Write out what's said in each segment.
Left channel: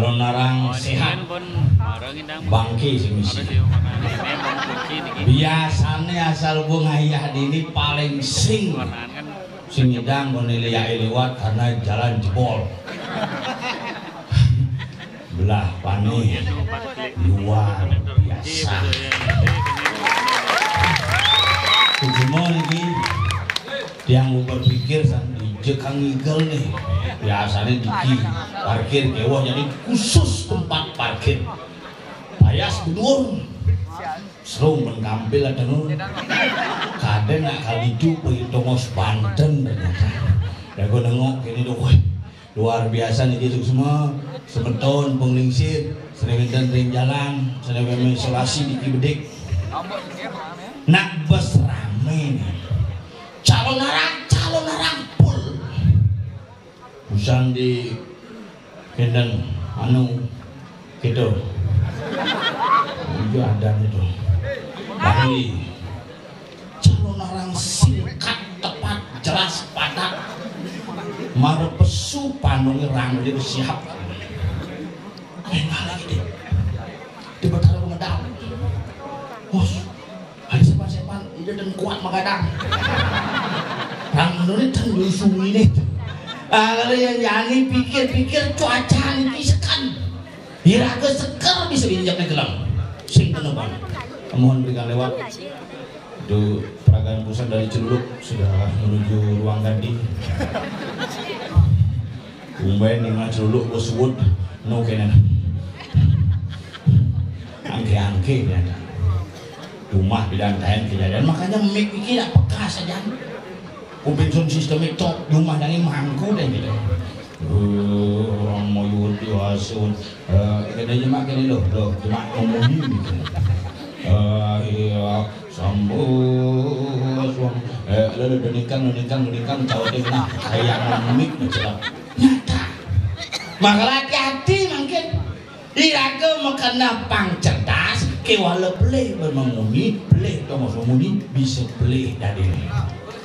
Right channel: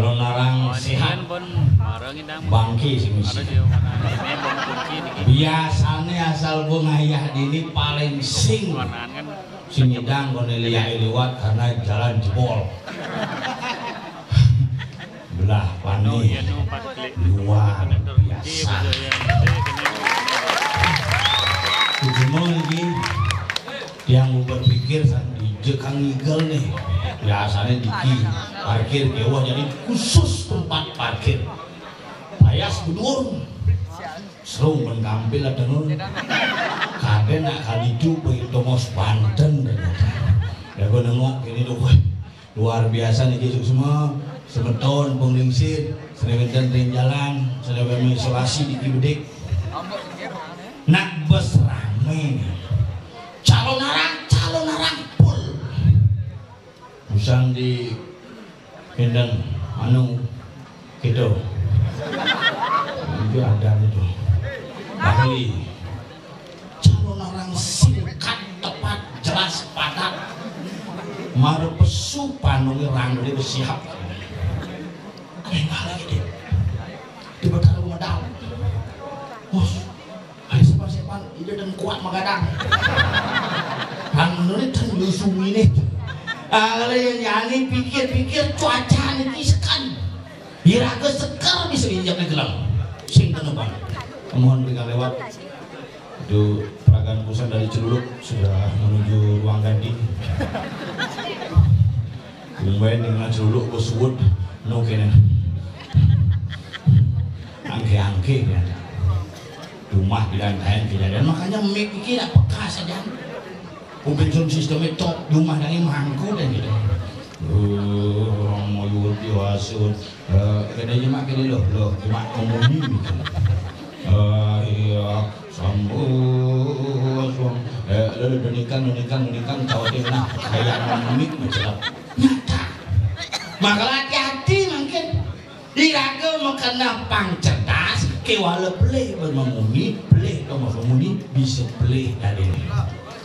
Kalau narang sehat bangki sih misi. Biasanya asal bunga ayah ini paling sing ngidang Cornelia lewat karena jalan jebol. Belah pani luar biasa. Cuma ini yang berpikir di jekang igel nih biasanya diki parkir kewa jadi khusus tempat parkir payas budun serung mengambil ada nun kadang nak kali itu pengitongos Banten ternyata ya gue nengok ini tuh luar biasa nih Yesus semua semeton penglingsir sering jalan sering isolasi di Kibedik nak bus rame nih calon narang pul usang di kendang anu gitu itu ada itu Bali calon narang singkat tepat jelas padat marpesu panungi rangli bersiap kayak lagi deh di betara modal bos hari sepan ide dan kuat magadang rang menurut kan dua sumi nih kalau yang pikir-pikir cuaca ini sekan hiraga seker bisa injak ke gelang sing tenepan mohon berikan lewat itu peragaan pusat dari Celuluk sudah menuju ruang ganti umbain dengan Celuluk bersebut no kena angke-angke rumah bilang kain kejadian makanya mik ini tidak peka saja Ubinsun sistemnya cok rumah dari mangku dan gitu mau yudi hasil katanya makin loh cuma ngomongin gitu iya sambut lalu menikam tahu dia nak kayangan mik macam nyata maka hati-hati mungkin diraga makna pang cerdas kewala pelih bermemuni pelih dong muni bisa pelih dari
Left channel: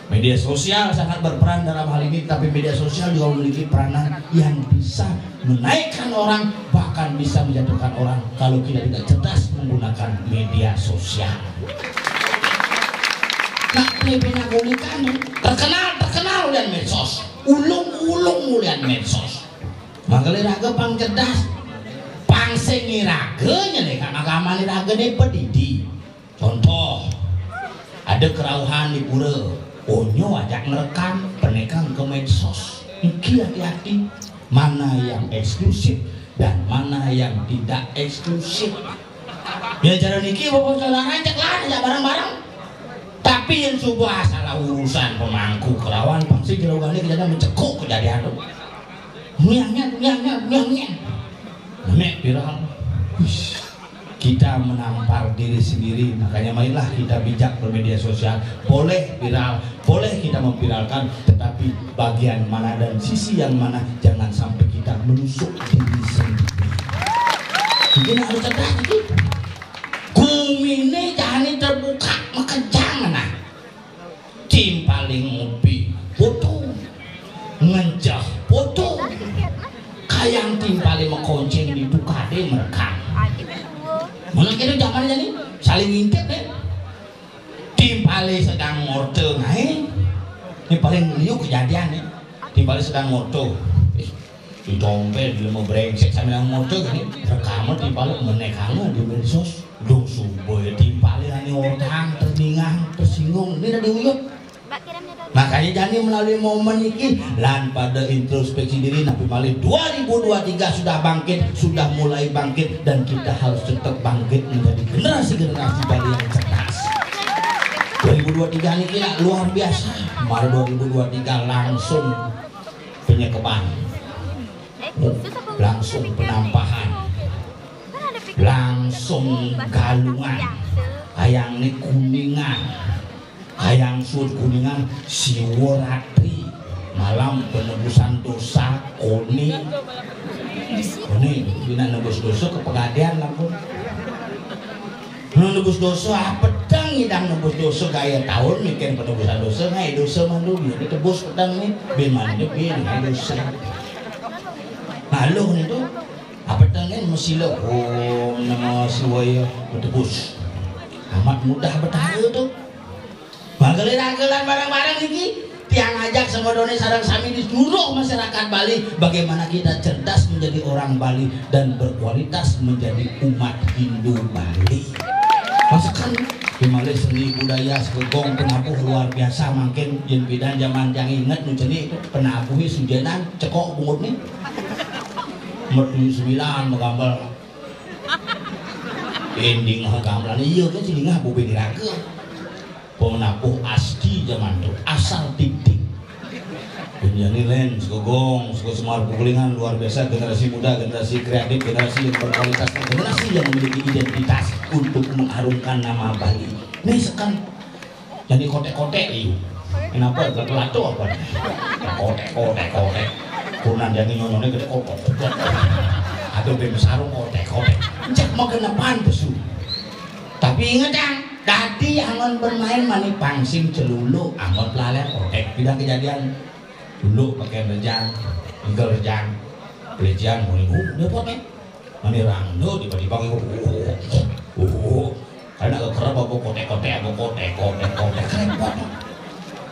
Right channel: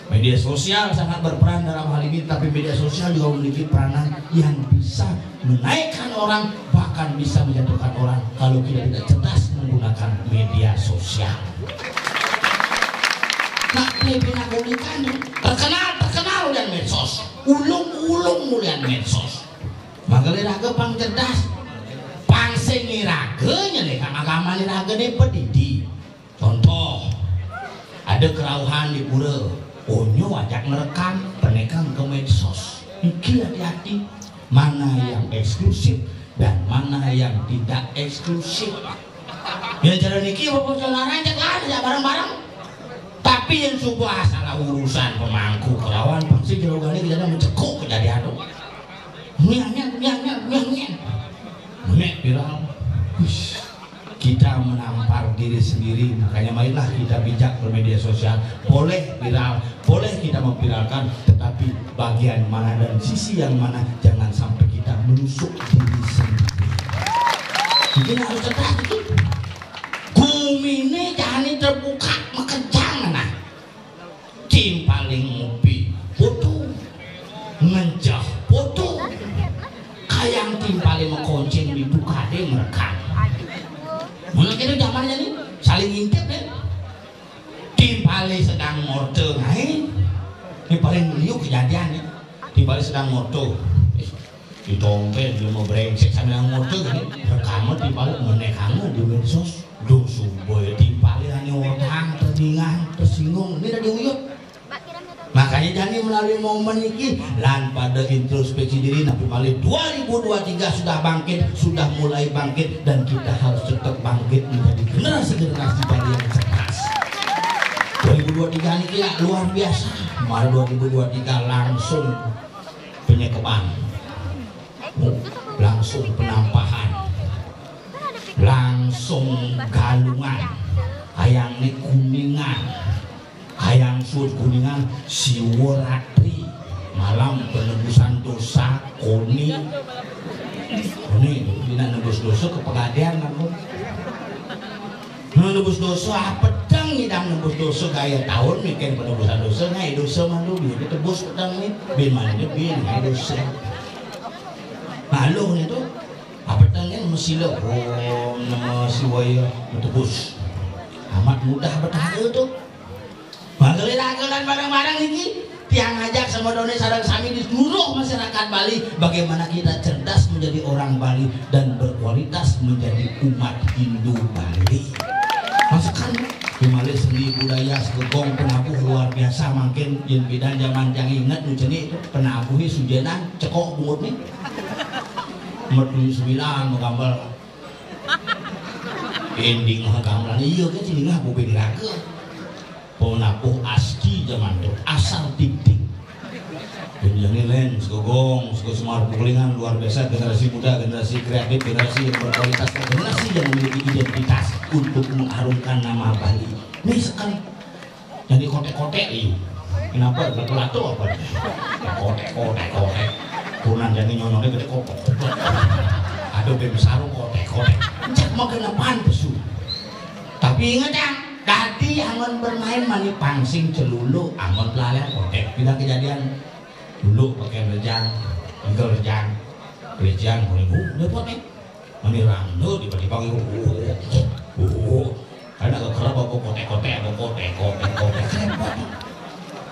media sosial sangat berperan dalam hal ini, tapi media sosial juga memiliki peranan yang bisa menaikkan orang, bahkan bisa menjatuhkan orang kalau kita tidak cerdas menggunakan media sosial. Nah, lebih nagulikan terkenal dan medsos, ulung mulian medsos. Maka liraga pang cerdas, pang sengiraganya nih, kang agama liraga nih pedidi. Contoh, ada kerauhan di pura. Onyo ajak merekam penekang ke medsos. Iki hati-hati mana yang eksklusif dan mana yang tidak eksklusif. Ya jalan niki bapak saudara ajak lah bareng-bareng. Tapi yang sebuah salah urusan pemangku kerawan pasti kira-kira kita mencekuk kejadian itu. Miang. Nek viral. Kita menampar diri sendiri, makanya marilah kita bijak bermedia sosial. Boleh viral, boleh kita memviralkan, tetapi bagian mana dan sisi yang mana jangan sampai kita menusuk diri sendiri. Mungkin harus cerdas itu. Bumi ini jangan terbuka, maka jangan tim paling ngopi, foto, ngejah foto, kayang tim paling mengkonceng di tukade merekam. Mana kira zamannya nih saling ngintip deh. Tim paling sedang morte, ini paling liuk kejadian nih. Tim paling sedang morte, ditongkel di lemah brengsek sambil morte nih. Pertama tim paling menekannya di medsos, dong sumboy tim paling hanya orang terdingan, tersinggung, ini dari uyut. Makanya jadi melalui momen ini lan pada introspeksi diri Nabi Malik 2023 sudah bangkit, sudah mulai bangkit dan kita harus tetap bangkit menjadi generasi baru yang cerdas. 2023 ini kira luar biasa. Maret 2023 langsung penyekepan, langsung penampahan, langsung galungan, hayang ini kuningan. Hayang sur kuningan siworatri malam penebusan dosa koni dina nebus dosa ke pegadaian langsung nebus dosa pedang hidang nebus dosa gaya tahun mikir penebusan dosa ngai dosa mandu biar ditebus pedang ini biman ini biar ngai dosa lalu itu apa Namo Sila, Om Namo Siwaya, betebus. Amat mudah betaheu tuh. Bageul-bageullan bareng-bareng iki tiang ngajak sama doni sareng sami di seluruh masyarakat Bali bagaimana kita cerdas menjadi orang Bali dan berkualitas menjadi umat Hindu Bali. Masakan dimana seni budaya segong penabuh luar biasa makin yen bidan zaman yang inget nu cenah itu penabuhi sujenan cekok bungutnya. Umur 9 menggambar ending menggambar iya kan sini ngah bubing raga penabuh asli zaman itu asal tik-tik dunia nilen segogong semar pukulingan luar biasa generasi muda generasi kreatif generasi yang berkualitas generasi yang memiliki identitas untuk mengharumkan nama Bali ini sekarang jadi kotek-kotek itu kenapa gelap-gelap apa kotek punan jadi nyononnya gede kotek aduh bebek sarung kotek cak mau kenapan pesu tapi ingat ya tadi angon bermain mani pangsing celulu angon lalen kotek bilang kejadian dulu pakai rejang enggak rejang mulai lepotnya mani rangdo tiba-tiba karena kekerap aku kotek-kotek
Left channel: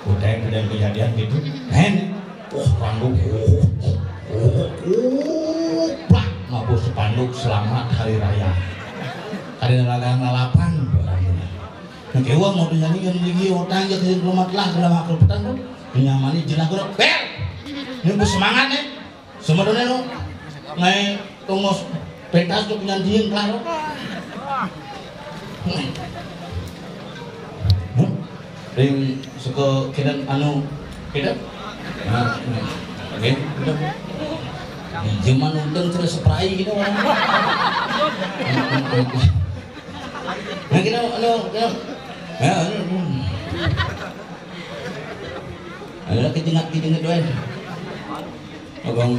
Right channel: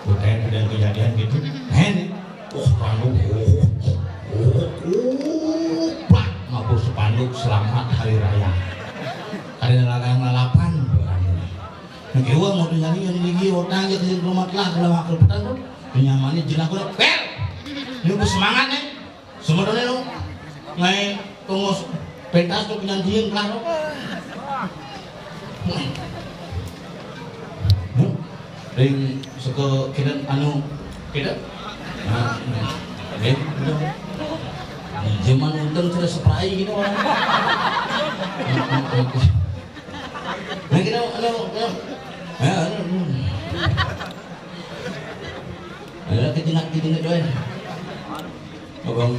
kotek dan kejadian gitu men rangdo plak mabuk sepanduk selamat hari raya hari ngalapan kewa mau nyanyi yang lagi orang yang selamat lah dalam akal petang tuh nyamani jenah kurang bel ini bu semangat nih semuanya dong ngai tunggu pentas tuh penyantian klaro ring suka kita anu kita oke udah zaman untung sudah spray gitu orang nah kita anu ada kejengat doang abang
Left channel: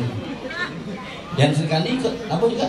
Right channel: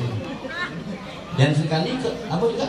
jangan sekali ke apa juga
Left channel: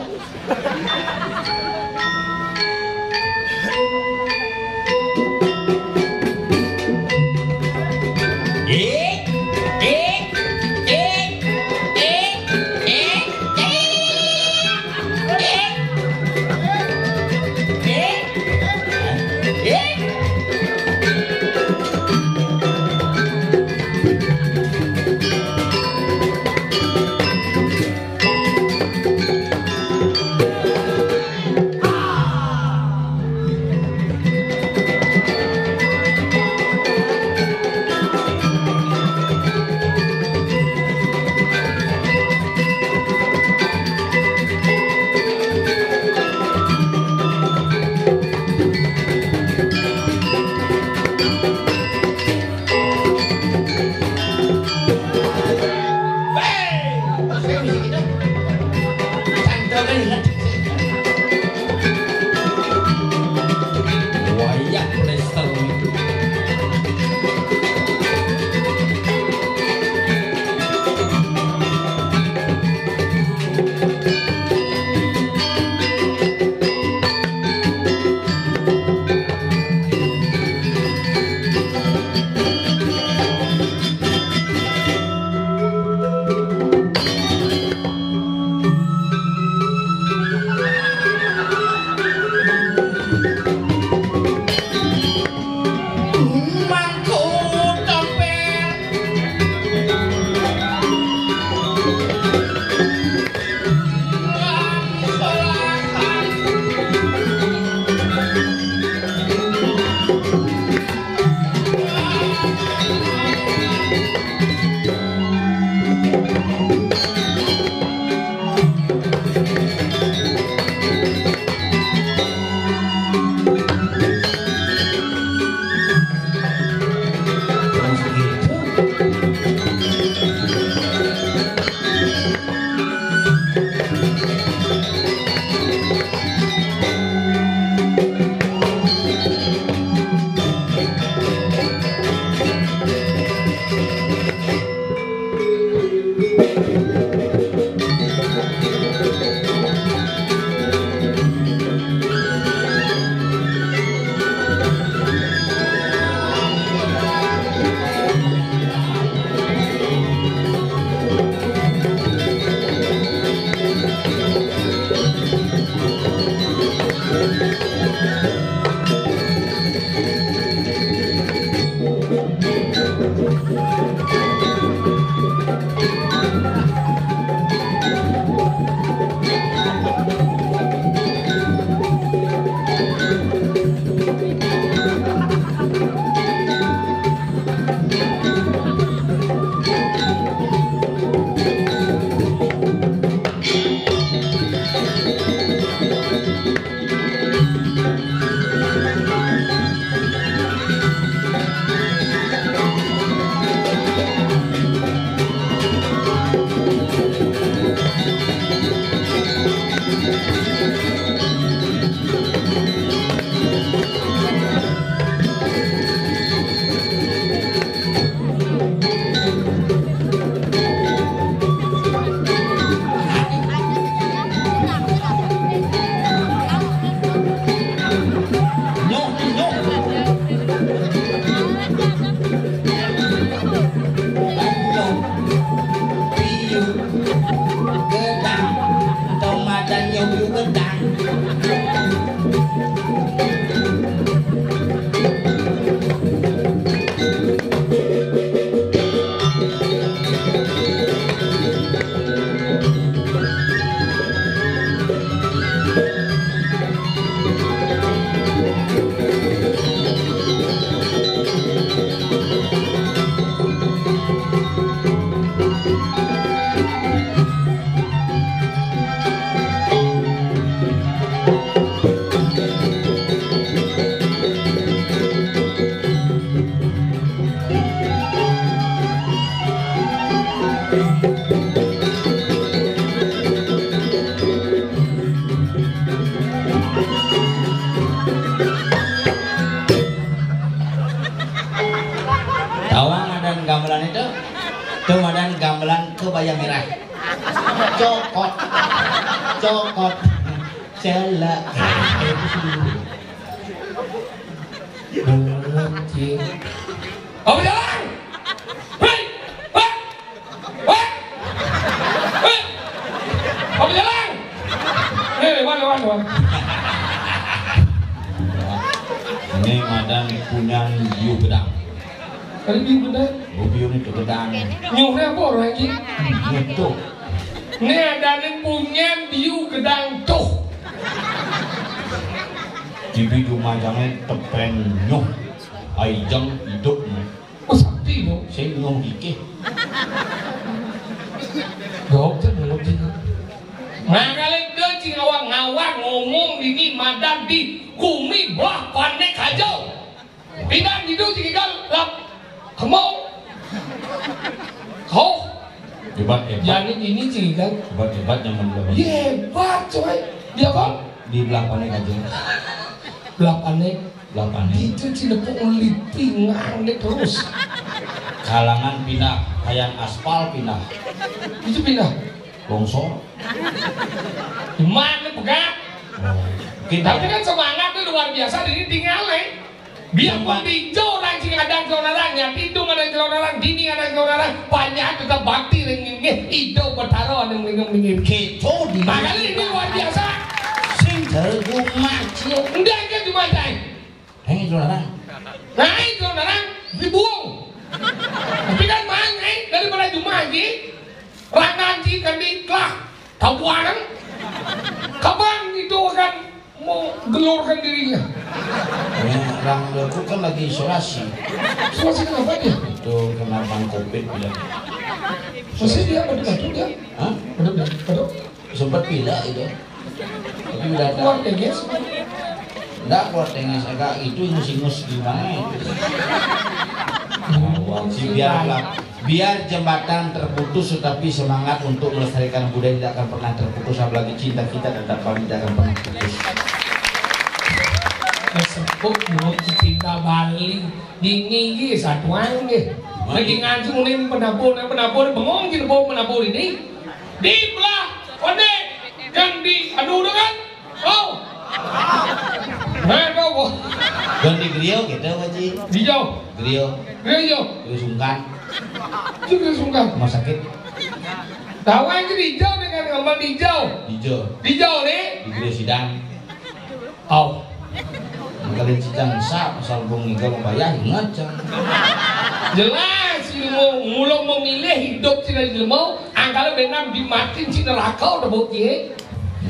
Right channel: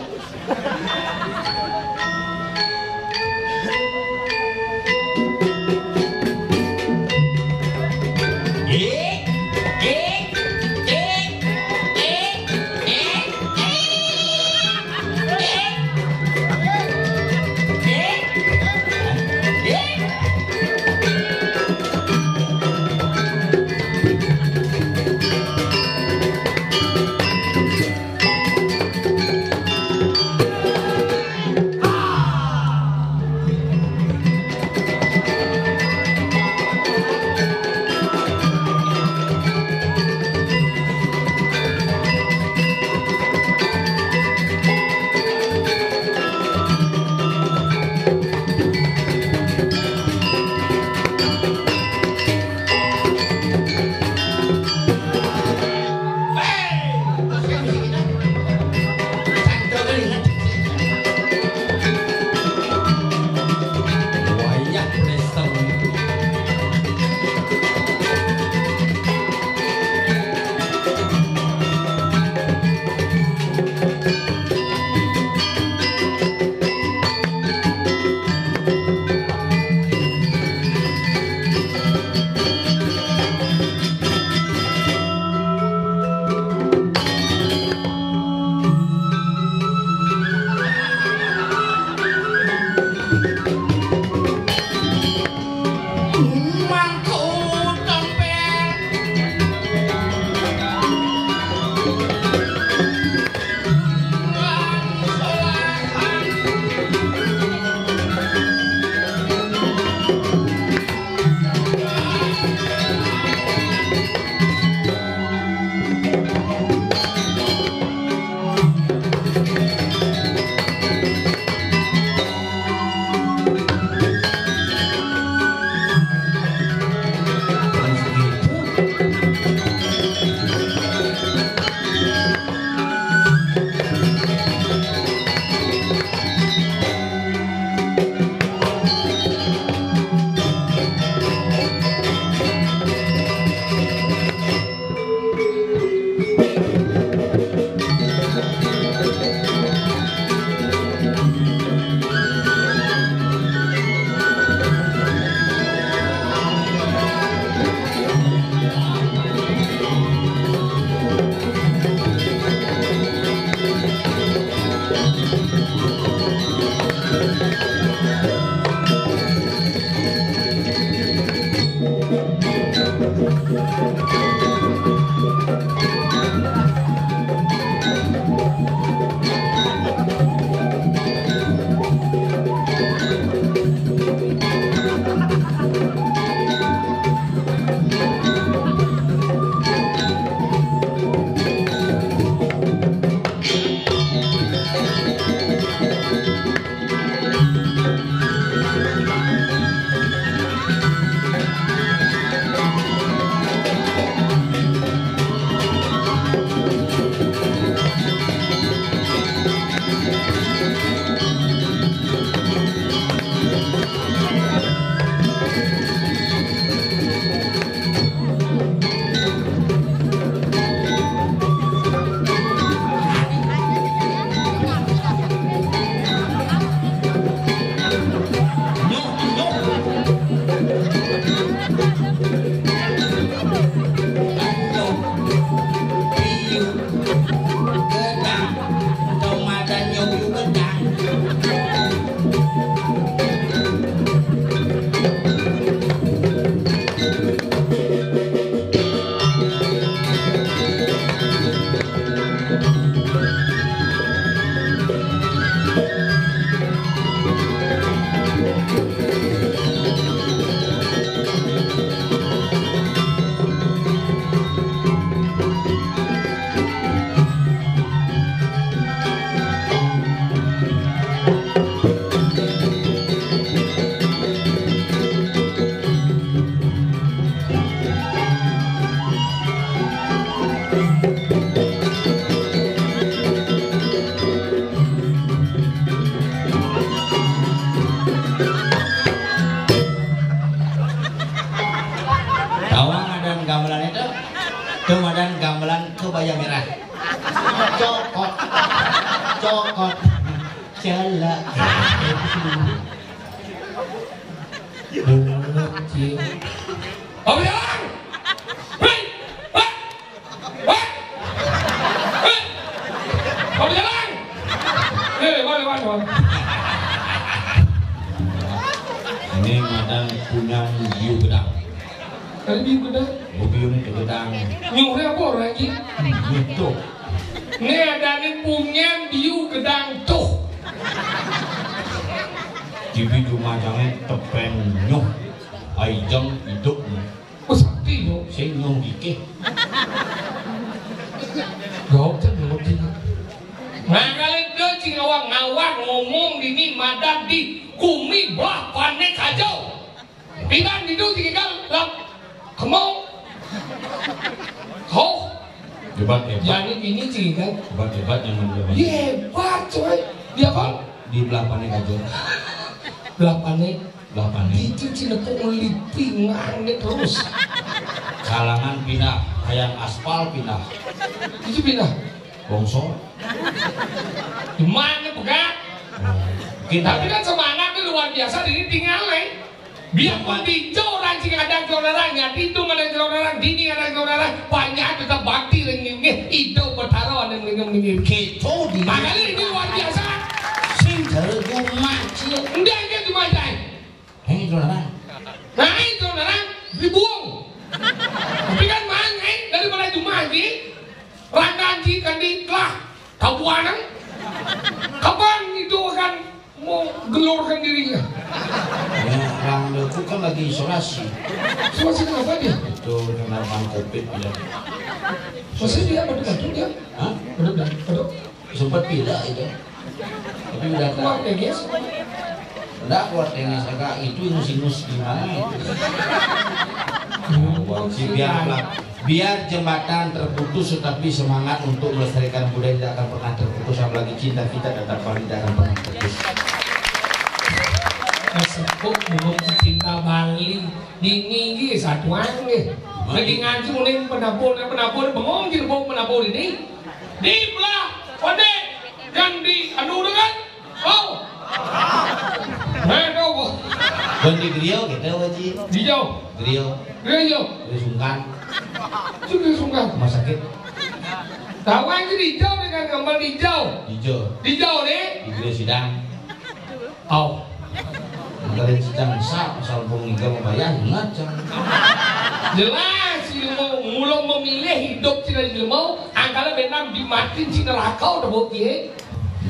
celak. Apa jalan? Hei! Hei! Hei! Hei! Apa jalan? Mana? Ini madang punya biu gedang. Ada biu gedang? Oh, biu ini gedang. Nyuhnya apa orang lagi? Gitu. Ini ada ni punya biu gedang tuh. Jibi jumajangnya tepeng nyuh. Aijang hidup. Oh sakti no. Saya nyuh dikit. Dokter ngerti. Makanya dia cing awang-awang ngomong ini madan di kumi belah panek kacau. Pinang itu tinggal lah. Kamu kau Hebat. jadi ini tinggal Hebat yang menurut. hebat coy. Dia kan Di belah panek aja. belah panek. Belah panek. Itu tidak pengeliti nganek terus. Kalangan pindah. Hayang aspal pindah. Itu pindah. Longsor. Gimana bukan? Kita Tapi kan semangat itu luar biasa ini tinggalnya. Biarpun hijau ranjing ada orang itu ada orang dini ada orang banyak tetap bakti ringin hijau bertaruh ada ringin keco di makanya ini luar biasa. sing tergumah cie. Enggak kan di mana? Ini jualan. Nah itu orang dibuang. Tapi kan mangai daripada Jumat ini rangkaji kan ditelah kabuan kapan itu akan mau gelorkan dirinya. Orang aku kan lagi isolasi. Isolasi kenapa dia? Itu kena bang covid pindah. Isolasi dia betul dia? Hah? Betul. Sempat pindah itu. Tapi udah Keluar tak. teges. Enggak kuat tenis agak itu ingus di mana itu. Biar jembatan terputus tetapi semangat untuk melestarikan budaya tidak akan pernah terputus, apalagi cinta kita tetap tidak akan pernah terputus. Kesepuk menurut cinta Bali dingin satuan nih. Lagi ngaji mulai penapur bengong di bawah penapur ini di belah ode yang di aduh kan oh aduh Ganti griyo gitu wajib. hijau Griyo sungkan. itu disungkan Mau sakit? tahu aja hijau dengan gambar hijau deh Di griyo sidang. oh Kalian sidang sah asal pengiga membayar ingat jangan. jelas ilmu mulai memilih hidup tidak ilmu angkala benam dimatin si neraka udah bukti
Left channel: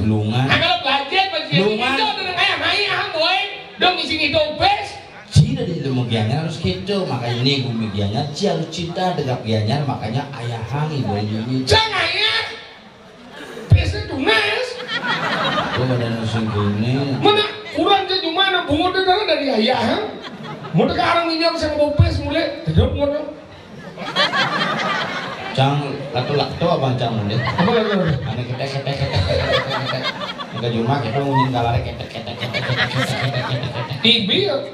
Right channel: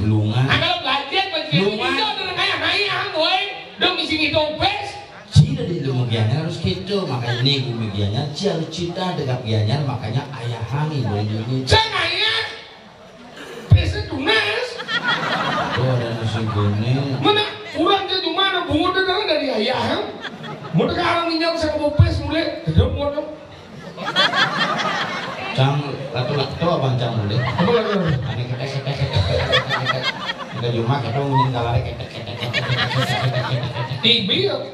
Lungan. angkala belajar bagi hijau dengan ayah boy dong isi hidup pes Cina di ilmu gianyar harus gitu, makanya nih bumi gianyar harus cinta dengan gianyar, makanya ayah hangi boy ini. jangan ya pesnya tunas Tuh ada nasi kuning. mana kurang dia cuma ada bunga dari ayah mau sekarang minyak saya mau pes mulai tidak mau Cang latu abang cang mulai. apa lagi Ane ketek. Kita di rumah kita ngomongin kalare ketek. TV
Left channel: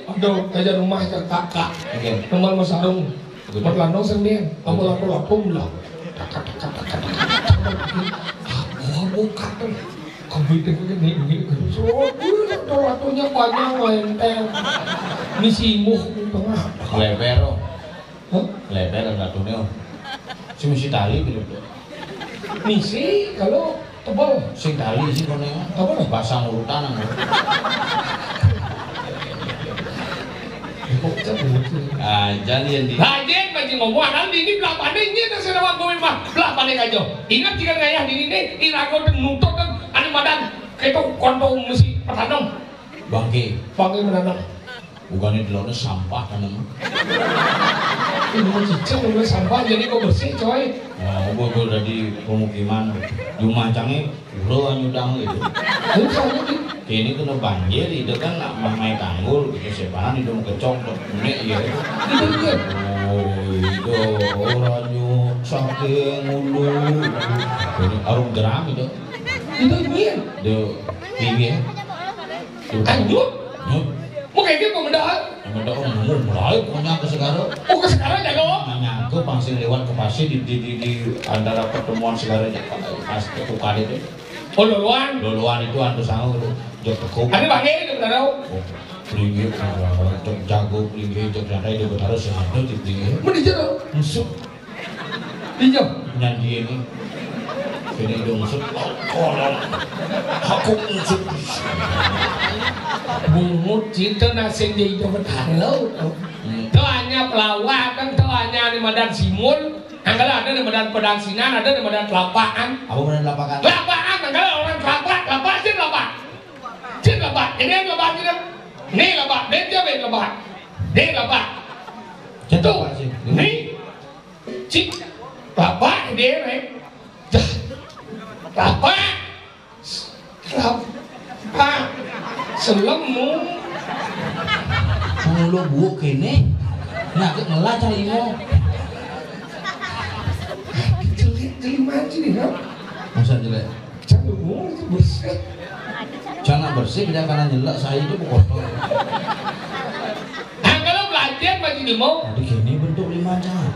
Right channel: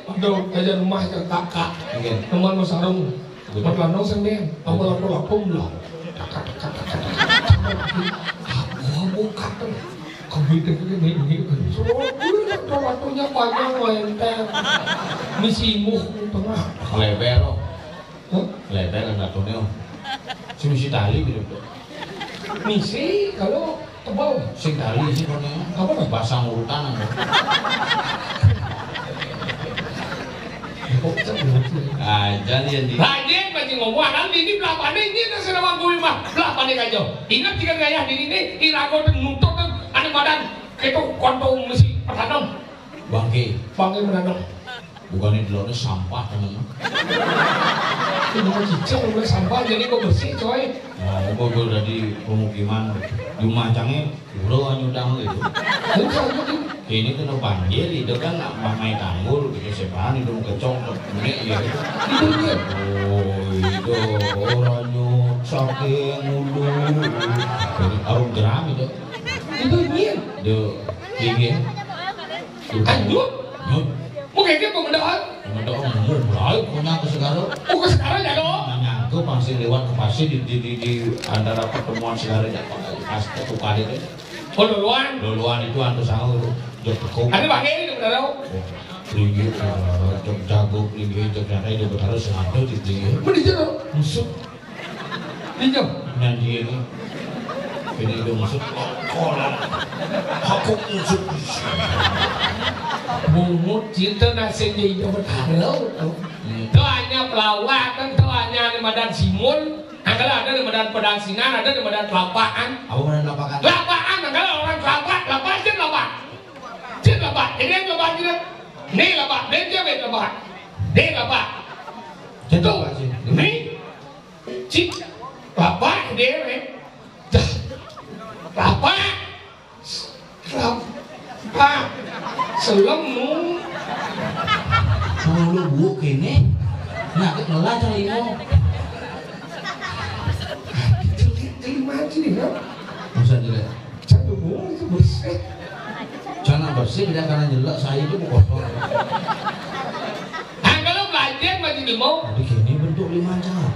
udah aja rumahnya kakak Oke. teman mas Arung berlandau sendiri lapu bilang aku kata kamu itu begini latunya panjang lenteng misimu tengah Leber latunya. Si misi tali gitu. misi kalau tebal Sing tali sih kono. Apa? Pasang urutan. Jadi di Hajen bagi ngomong kan ini belapane ini tak sedang gue mah belapane kajo. Ingat jika ngayah di ini irago nutup kan anu badan itu konto mesti pertanong. bangke. Bangke menanong. Bukannya di lautnya sampah kan emang. Ini mau cicing udah sampah jadi kok bersih coy. Gue udah di pemukiman Jumacangnya udah nyudang gitu. Jadi saya itu Ini kena banjir itu kan mamai tanggul gitu sepan itu kecok menit ya. itu dia. Oh itu orang nyut saking mulu. Ini arung jeram itu. Itu dia. De tinggi. Anjut. Nyut. Mau kayak gitu mudah. Yang ada orang mulai punya ke sekarang. Oh ke sekarang ya kok. Nyatu pasti lewat ke pasir di antara pertemuan segaranya pas ketukar itu. Oh luluan. Luluan itu antu sangu itu jok tekuk. Ada pakai itu berapa? Linggih, jok jago, linggih, jok santai, jok harus ada di sini. Mana jauh? Musuk Dijauh. nyanyi ini. Ini dia musuk. Koran. Aku musuk. Bungut cinta nasi di dapat halau. Doanya pelawak kan doanya di Medan Simun. Angkala ada di Medan Pedang Sinan, ada di Medan Kelapaan. Aku mana lapakan? Kelapaan, angkala orang Kelapa, Kelapa sih Kelapa. Sih Kelapa, ini Kelapa kita. Nih Kelapa, dia juga Kelapa. Dia Kelapa. Tuh, nih. Cik, Kelapa dia nih. Kelapa. Kelapa. Selemu. Sama lu buuk ini. Nah, aku ngelah cari mau. Jadi mati kan? Masa jelek? Jangan itu bersih. Jangan bersih, tidak karena jelek saya itu kotor. Kalau belajar masih ilmu. Jadi gini bentuk 5 jangan.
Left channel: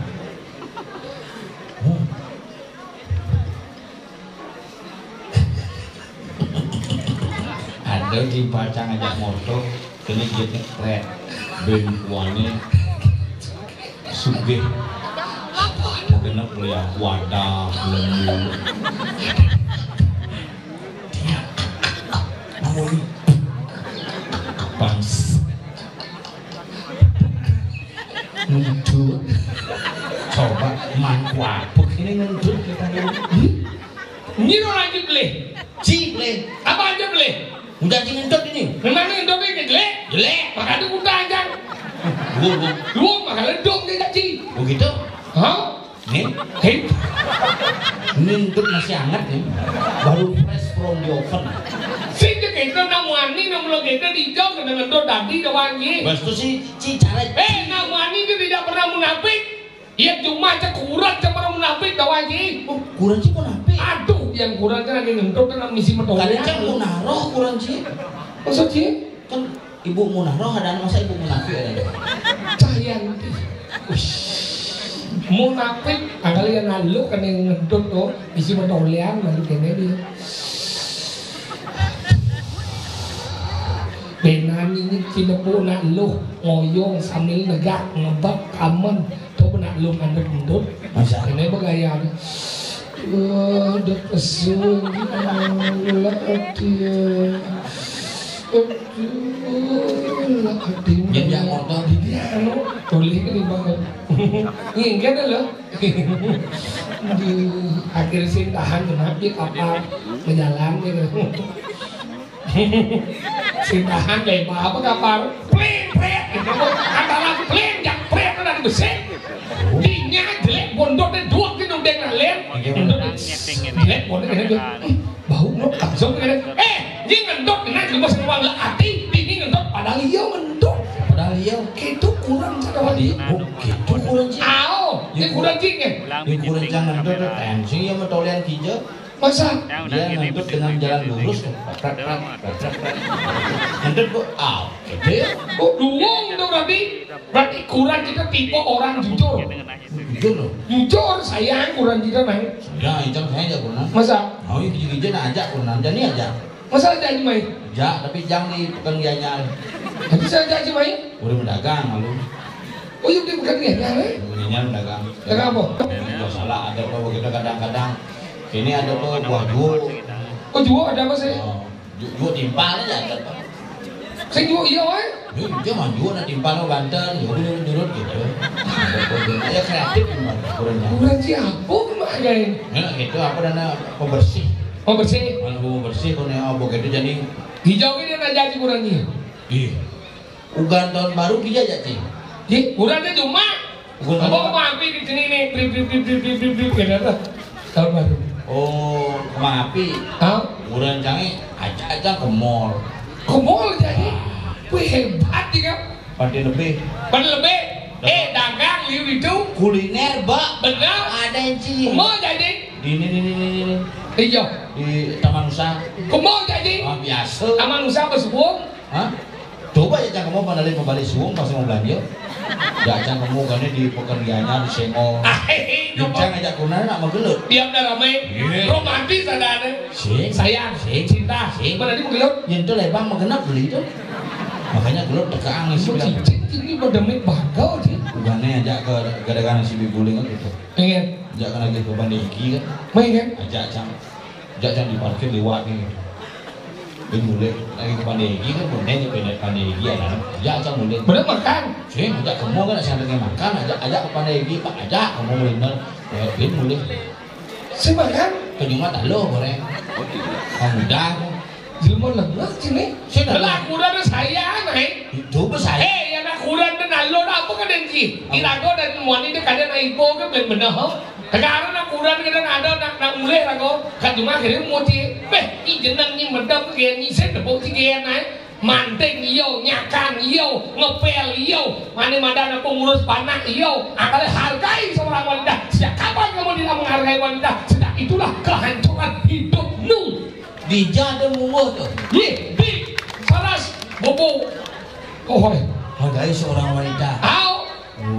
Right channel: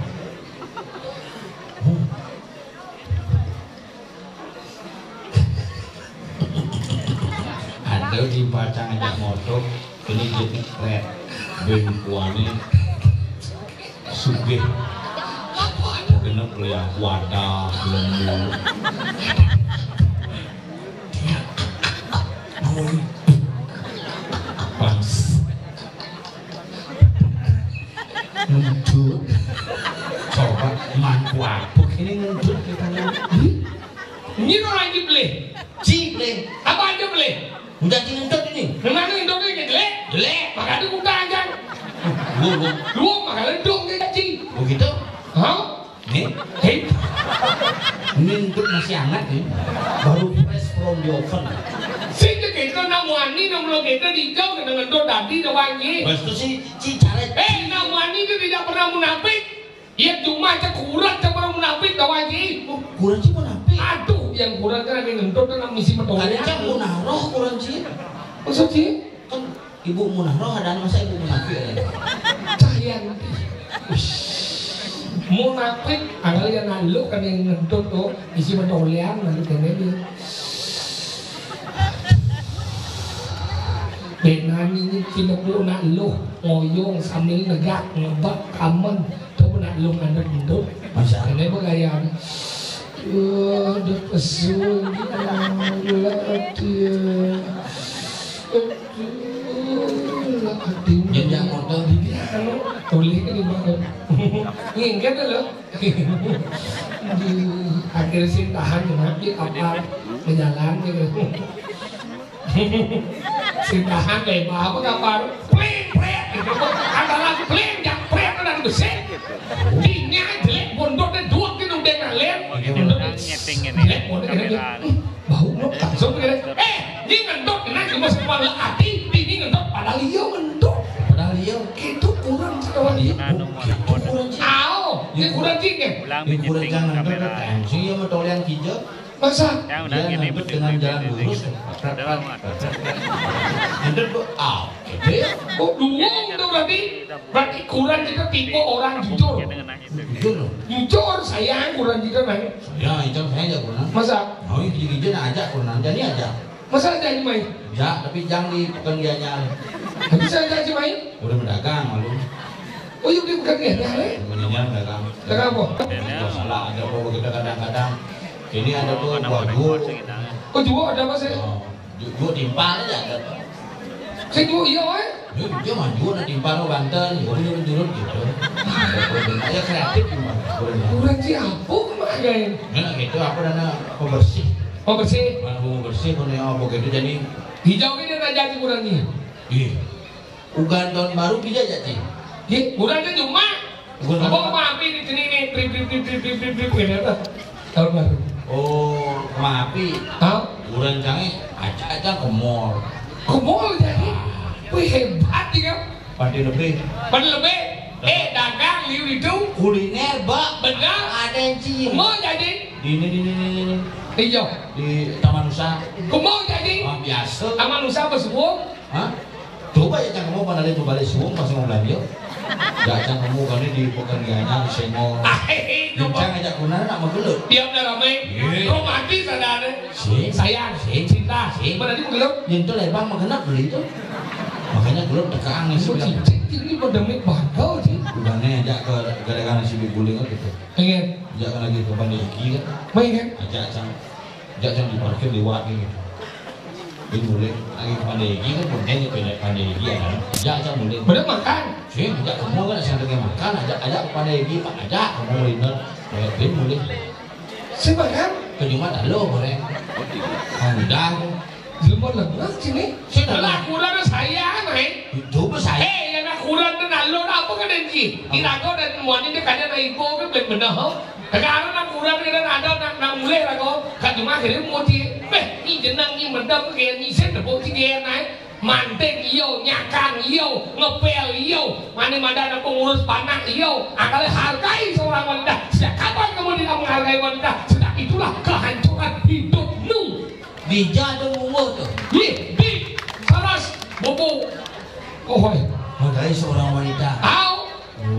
Ada di bacang ngajak motor, ini gitu keren. Bentuannya sugih. Mungkin lo yang wadah, lembu. Dia namun bangs ngentut. Coba mangkuapuk ini ngentut kita lu. Ini orang lagi beli. Ciple. Apa aja beli? Udah ngentut ini. Memang ngentut ini jelek. Jelek. Makanya udah anjang. Lu makanya dong dia cacing. begitu? Hah? Nih, Hei. ngentut masih hangat nih. Baru fresh from the oven. Sih kita namwani namlo kita dijauh dengan ngentut tadi doangnya. Bos itu sih cara. Namwani itu tidak pernah munafik. Ia cuma aja kurang sama munafik doangnya. Kurang sih munafik. Aduh, yang kurang kan lagi ngentut kan misi Tadi medolnya. kan munaroh kurang sih. Maksud sih? Kan ibu munaroh ada masa ibu munafik ya. Cahaya munafik anggal yang lalu kan yang ngedut tuh isi medolian lalu kene dia benan ini tinubu lalu ngoyong sambil negak ngebak kamen tuh lalu ngedut Masa? kene bergaya ada pesun Yang jangan motor boleh kan dibangun ingat loh di akhir sih tahan cuma di kapal berjalan gitu si tahan lebar apa kapal pleng gitu antara pleng jak pleng dan besar dinya jelek bondok dan dua gitu udah kalian jelek bondok kan dia bau mau langsung kan dia ngendok kena cuma semua hati ini ngendok padahal dia mendok padahal dia itu kurang cakap dia gitu kurang sih. ini kurang cingin Ini kurang jangan ada tensi ya mau yang hijau. masa Dia ngentut dengan jalan lurus. Ngentut kok gede. oh duung itu berarti kurang kita tipe orang jujur Gitu loh. jujur sayang kurang kita naik Ya itu saya aja kurang. masa Mau hijau nak ajak kurang jadi aja. masa janji main Ya tapi jangan di pekerjaannya. tapi saya janji main Udah berdagang lalu. oh iya dia bukan dia le Ininya berdagang. dagang apa Buah salah ada kok kita kadang-kadang. Ini ada kok buah jual. oh jual ada apa sih Jual timpal aja ada. saya jual iya weh Dia mah jual nanti timpal ke Banten, jual durut gitu. Ada kreatif gimana? kurang siapa main Ya itu aku nanya pembersih. oh bersih Kalau mau bersih punya apa gitu jadi. hijau ini nak jadi kurangnya Ih, ugan tahun baru bisa jadi. di kurangnya cuma Kurang apa mampir di sini nih trip gitu tahun baru Oh, maapi. Hah? Udah canggih, aja ke mall. Ke mall jadi? Wih hebat ya kan? Pasti lebih. Lebih dagang itu Kuliner, Pak. benar Ada yang cing. mau jadi Di ini. hijau Di Taman Nusa. mau jadi Wah, biasa. Taman Nusa ke Suwung Hah? Coba ya jangan mau pada kembali suung pas mau belanja. Jacang kamu kan di pekerjaannya di senggol. Jacang ngajak kunana nak magelut. Diam dah ramai. Romantis ada. Sayang, cinta. Berarti magelut. Nyentuh lebang magenap beli itu. Makanya gelut tekang isi bilang. Ini mau demik bakal sih. Bukannya ajak ke gara-gara si bibuling gitu. Pengen. Ajak lagi ke Pandegi kan. Pengen. Ajak Jacang di parkir lewat nih. Ini boleh lagi ke Pandegi kan boleh ke Pandegi ada. Jacang boleh. Boleh makan. Sih, ajak kamu kan saya lagi makan, ajak ke Pandegi Pak, ajak kamu winner. Ya, boleh. Si makan. Kejungan tak lo goreng. Oh tidak. Udah. Jelma lemes sini. Sini lah kurang saya naik. Coba saya. Anak kurang dan alor apa kan denci. Irago dan wanita kadang naik ipo kan benar. Sekarang nak kurang kadang ada nak mulai rago. Kan cuma kira moti. Ini jenang ni mendam ke ni sen berpoti ke naik. Manting iyo, nyakang iyo, ngepel iyo, mana pengurus panah iyo. Akalnya hargai seorang wanita. Sejak kapan kamu tidak menghargai wanita? Sejak itulah kehancuran hidupmu. Dijada umur tuh. Di saras bobo. Oh, hargai seorang wanita. Tahu?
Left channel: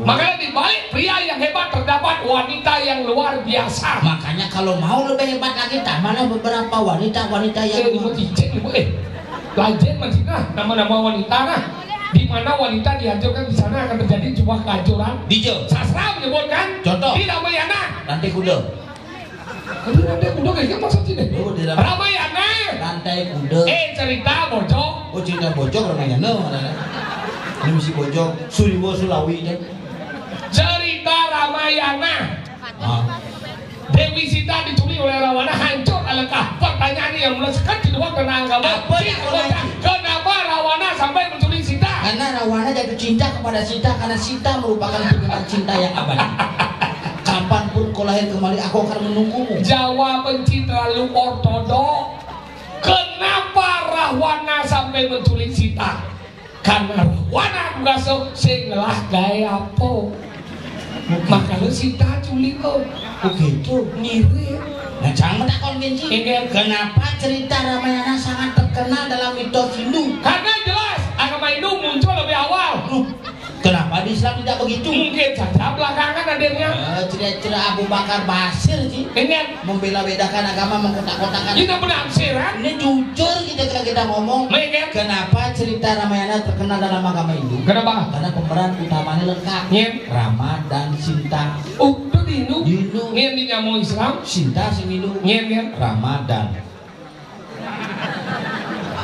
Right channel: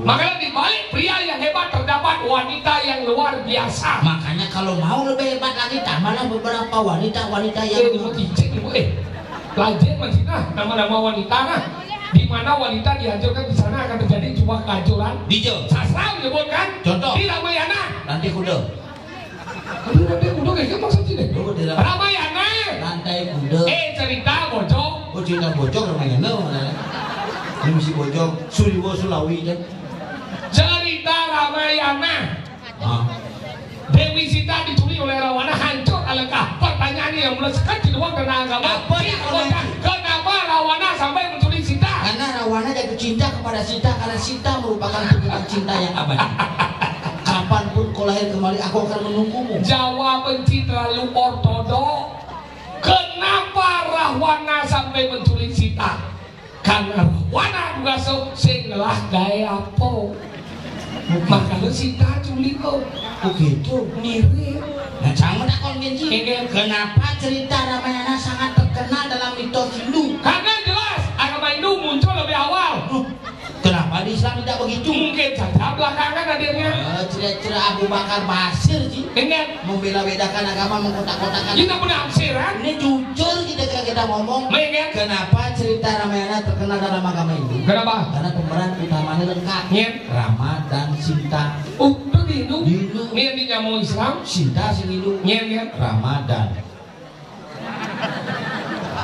Makanya di balik pria yang hebat terdapat wanita yang luar biasa. Makanya kalau mau lebih hebat lagi, mana beberapa wanita yang Lajen masih nama-nama wanita nah. Di mana wanita dihancurkan di sana akan terjadi cuma kehancuran. Dijo. Sastra menyebutkan. Contoh. Di Ramayana. Nanti kuda. Kuda kayak maksudnya deh. Oh, di Ramayana. Lantai kuda. Cerita bocok. Oh, cerita bocok Ramayana mana? Ini misi bocok Suriwo Sulawi deh. Cerita Ramayana. Dewi Sita diculik oleh Rawana, hancur alangkah. Pertanyaan yang melesatkan di luar karena agama. Kenapa Rawana sampai menculik Sita? Karena Rawana jatuh cinta kepada Sita karena Sita merupakan tunggal cinta yang abadi. Kapanpun kau lahir kembali, aku akan menunggumu. Jawaban terlalu ortodok. Kenapa Rawana sampai menculik Sita? Karena Rawana mengasuk singlah gaya apa? Makanya Sita culik kau. Begitu mirip. Nah, jangan tak konvensi. Kenapa cerita Ramayana sangat terkenal dalam mitos Hindu? Karena jelas agama Hindu muncul lebih awal. Kenapa di Islam tidak begitu? Mungkin saja belakangan hadirnya. Cerita Abu Bakar Basir sih. Ini membela bedakan agama, mengkotak-kotakan. Kita penafsiran. Ini jujur kita ngomong. Mungkin. Kenapa cerita Ramayana terkenal dalam agama Hindu? Kenapa? Karena pemeran utamanya lengkap. Rama dan Sinta. Oh, itu di Hindu. Ini yang dinamakan Islam. Sinta si Hindu. Ramadan.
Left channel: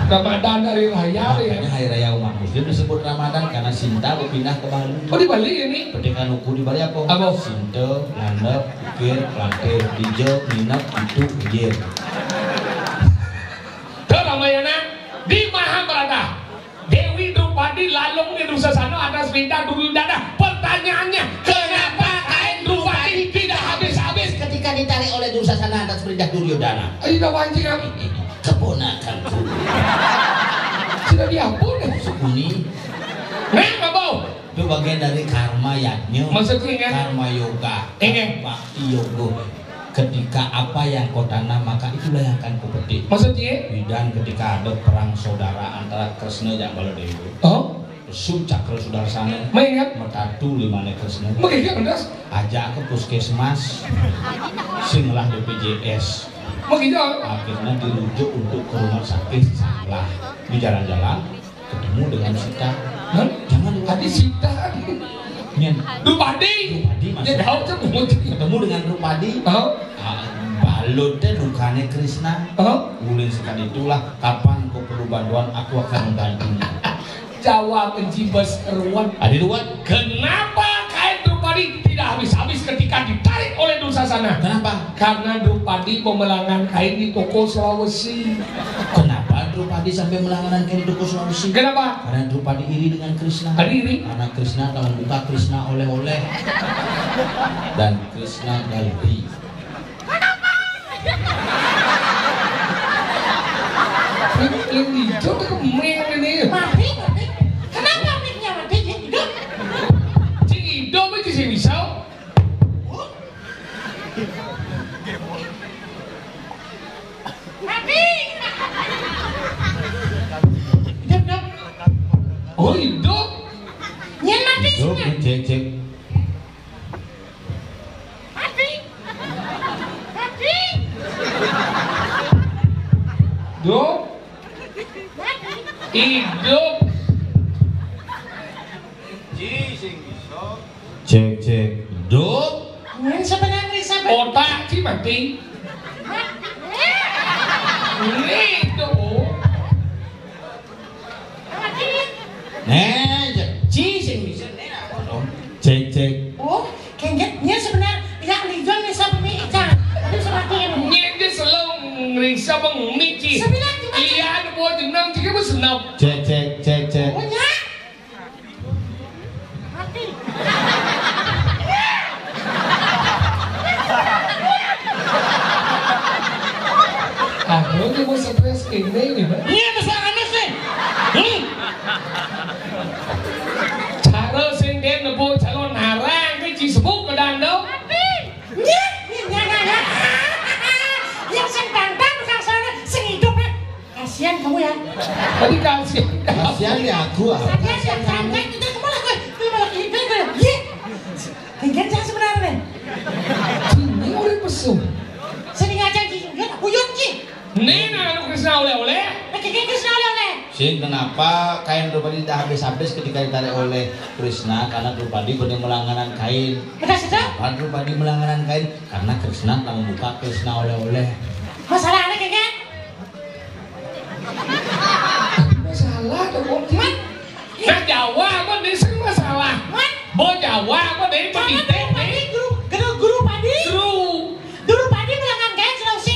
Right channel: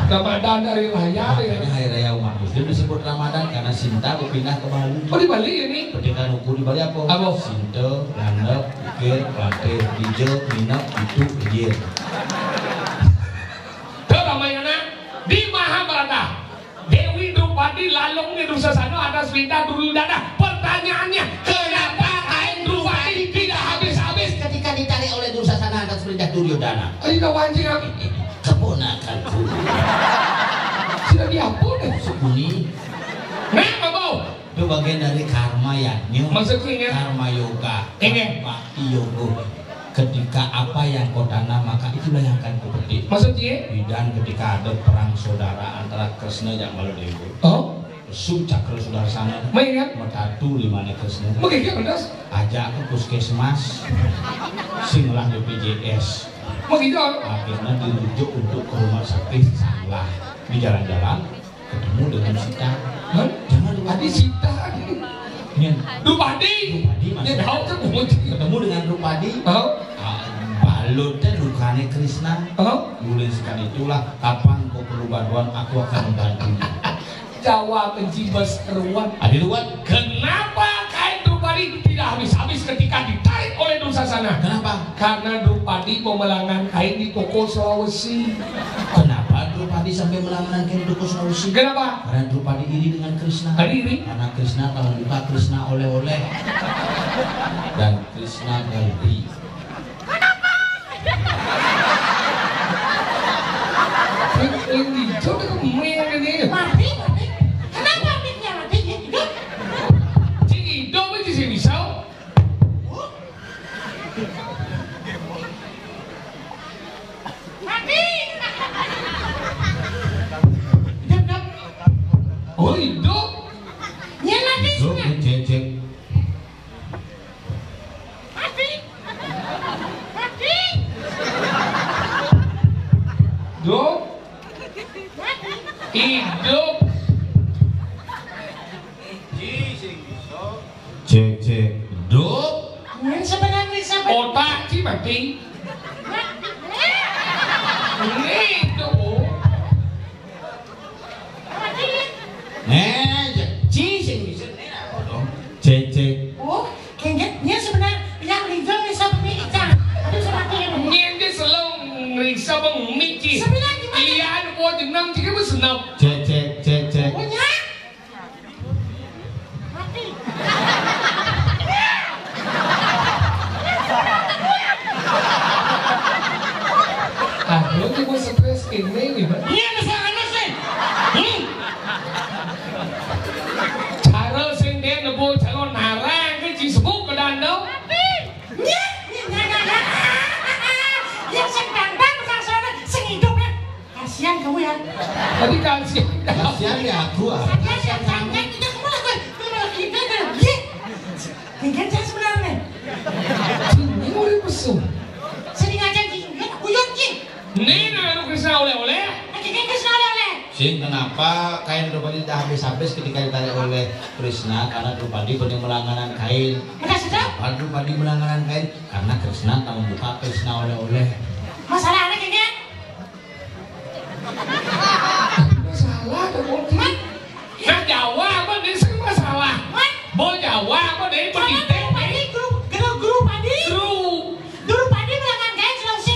Ramadan dari raya ya. Hari raya umat Muslim disebut Ramadan karena Sinta berpindah ke Bali. Oh di Bali ini? Pendidikan ukur di Bali apa? Apa? Sinta, landep, ukir, lantai, hijau, minyak, itu, hijir. Ke Ramayana di Mahabharata. Dewi Drupadi lalung di Dursasana atas perintah Duryodhana. Pertanyaannya, kenapa kain Drupadi tidak habis-habis ketika ditarik oleh Dursasana atas perintah Duryodhana? Tidak wajib kami. Keponakanku. Sudah diampun deh. Sekuni. Kenapa bau? Itu bagian dari karma yajna. Maksudnya kan? Karma yoga. Ingin. Bakti yoga. Ketika apa yang kau tanam maka itulah yang akan kau petik. Maksudnya? Dan ketika ada perang saudara antara Kresna dan Baladewa. Oh? Su cakra sudarsana. Main Matatu limane Kresna. Mungkin kan? Ajak ke puskesmas. Singlah BPJS. Begitu. Akhirnya dirujuk untuk ke rumah sakit salah. Di jalan-jalan ketemu dengan Sita. Jangan tadi Sita. Drupadi. Dia tahu ketemu dengan Drupadi. Balutnya rupanya Krishna. Mulai sekali itulah kapan kau perlu bantuan aku akan membantu. Jawa mencibas ruan. Ada ruan. Kenapa kain Drupadi tidak habis-habis ketika ditarik oleh Dursasana? Kenapa? Karena Drupadi memelangkan kain di toko Sulawesi. Kenapa Drupadi sampai melanggar kain di toko Sulawesi? Kenapa? Karena Drupadi iri dengan Krishna. Iri? Karena Krishna kalau buka Krishna oleh-oleh dan Krishna ganti. Yang hijau itu kemeng ini. Mati. Kenapa miknya mati? Hidup. Cing hidup itu sih bisa. Mati. Hidup. Oh hidup. Nyen mati. Cek Hidup. Cek hidup. Yang sebenarnya sampai Otak sih mati. Hidup. Cek. oh kayaknya sebenarnya yang lijong sampai ikan aduh seperti ini Nhiên cái sờ lông người sao bằng nít chi. Sebenarnya gimana? Iya, ada buat jenang sih kan senang. Cek. punya mati Ah, lo tuh gue stres ini nih, Pak. iya masalahnya sih Cara senden là vô calon Hà Lan cái chị Facebook ở đàn đâu. ya yang sentang sana sing hidupnya kasihan kamu ya Tadi kasih. Kasihan ya aku ah. saya yang santai itu kemana gue ini malah kita kan ya kayaknya saya sebenarnya Ini oleh pesu. sering aja kan uyut ki Ini nah lu Krisna oleh-oleh. kayaknya Krishna oleh Sin, kenapa kain Drupadi dah habis-habis ketika ditarik oleh Krishna? Karena Drupadi punya melangganan kain. udah sedap Kenapa Drupadi melangganan kain? Karena Krishna telah membuka Krishna oleh-oleh. masalahnya kayaknya Masalah tuh mungkin. Nah Jawa apa dia sering masalah. Bo Jawa apa dia pendidik nih. Guru Padi Guru. Padi melanggan kain Sulawesi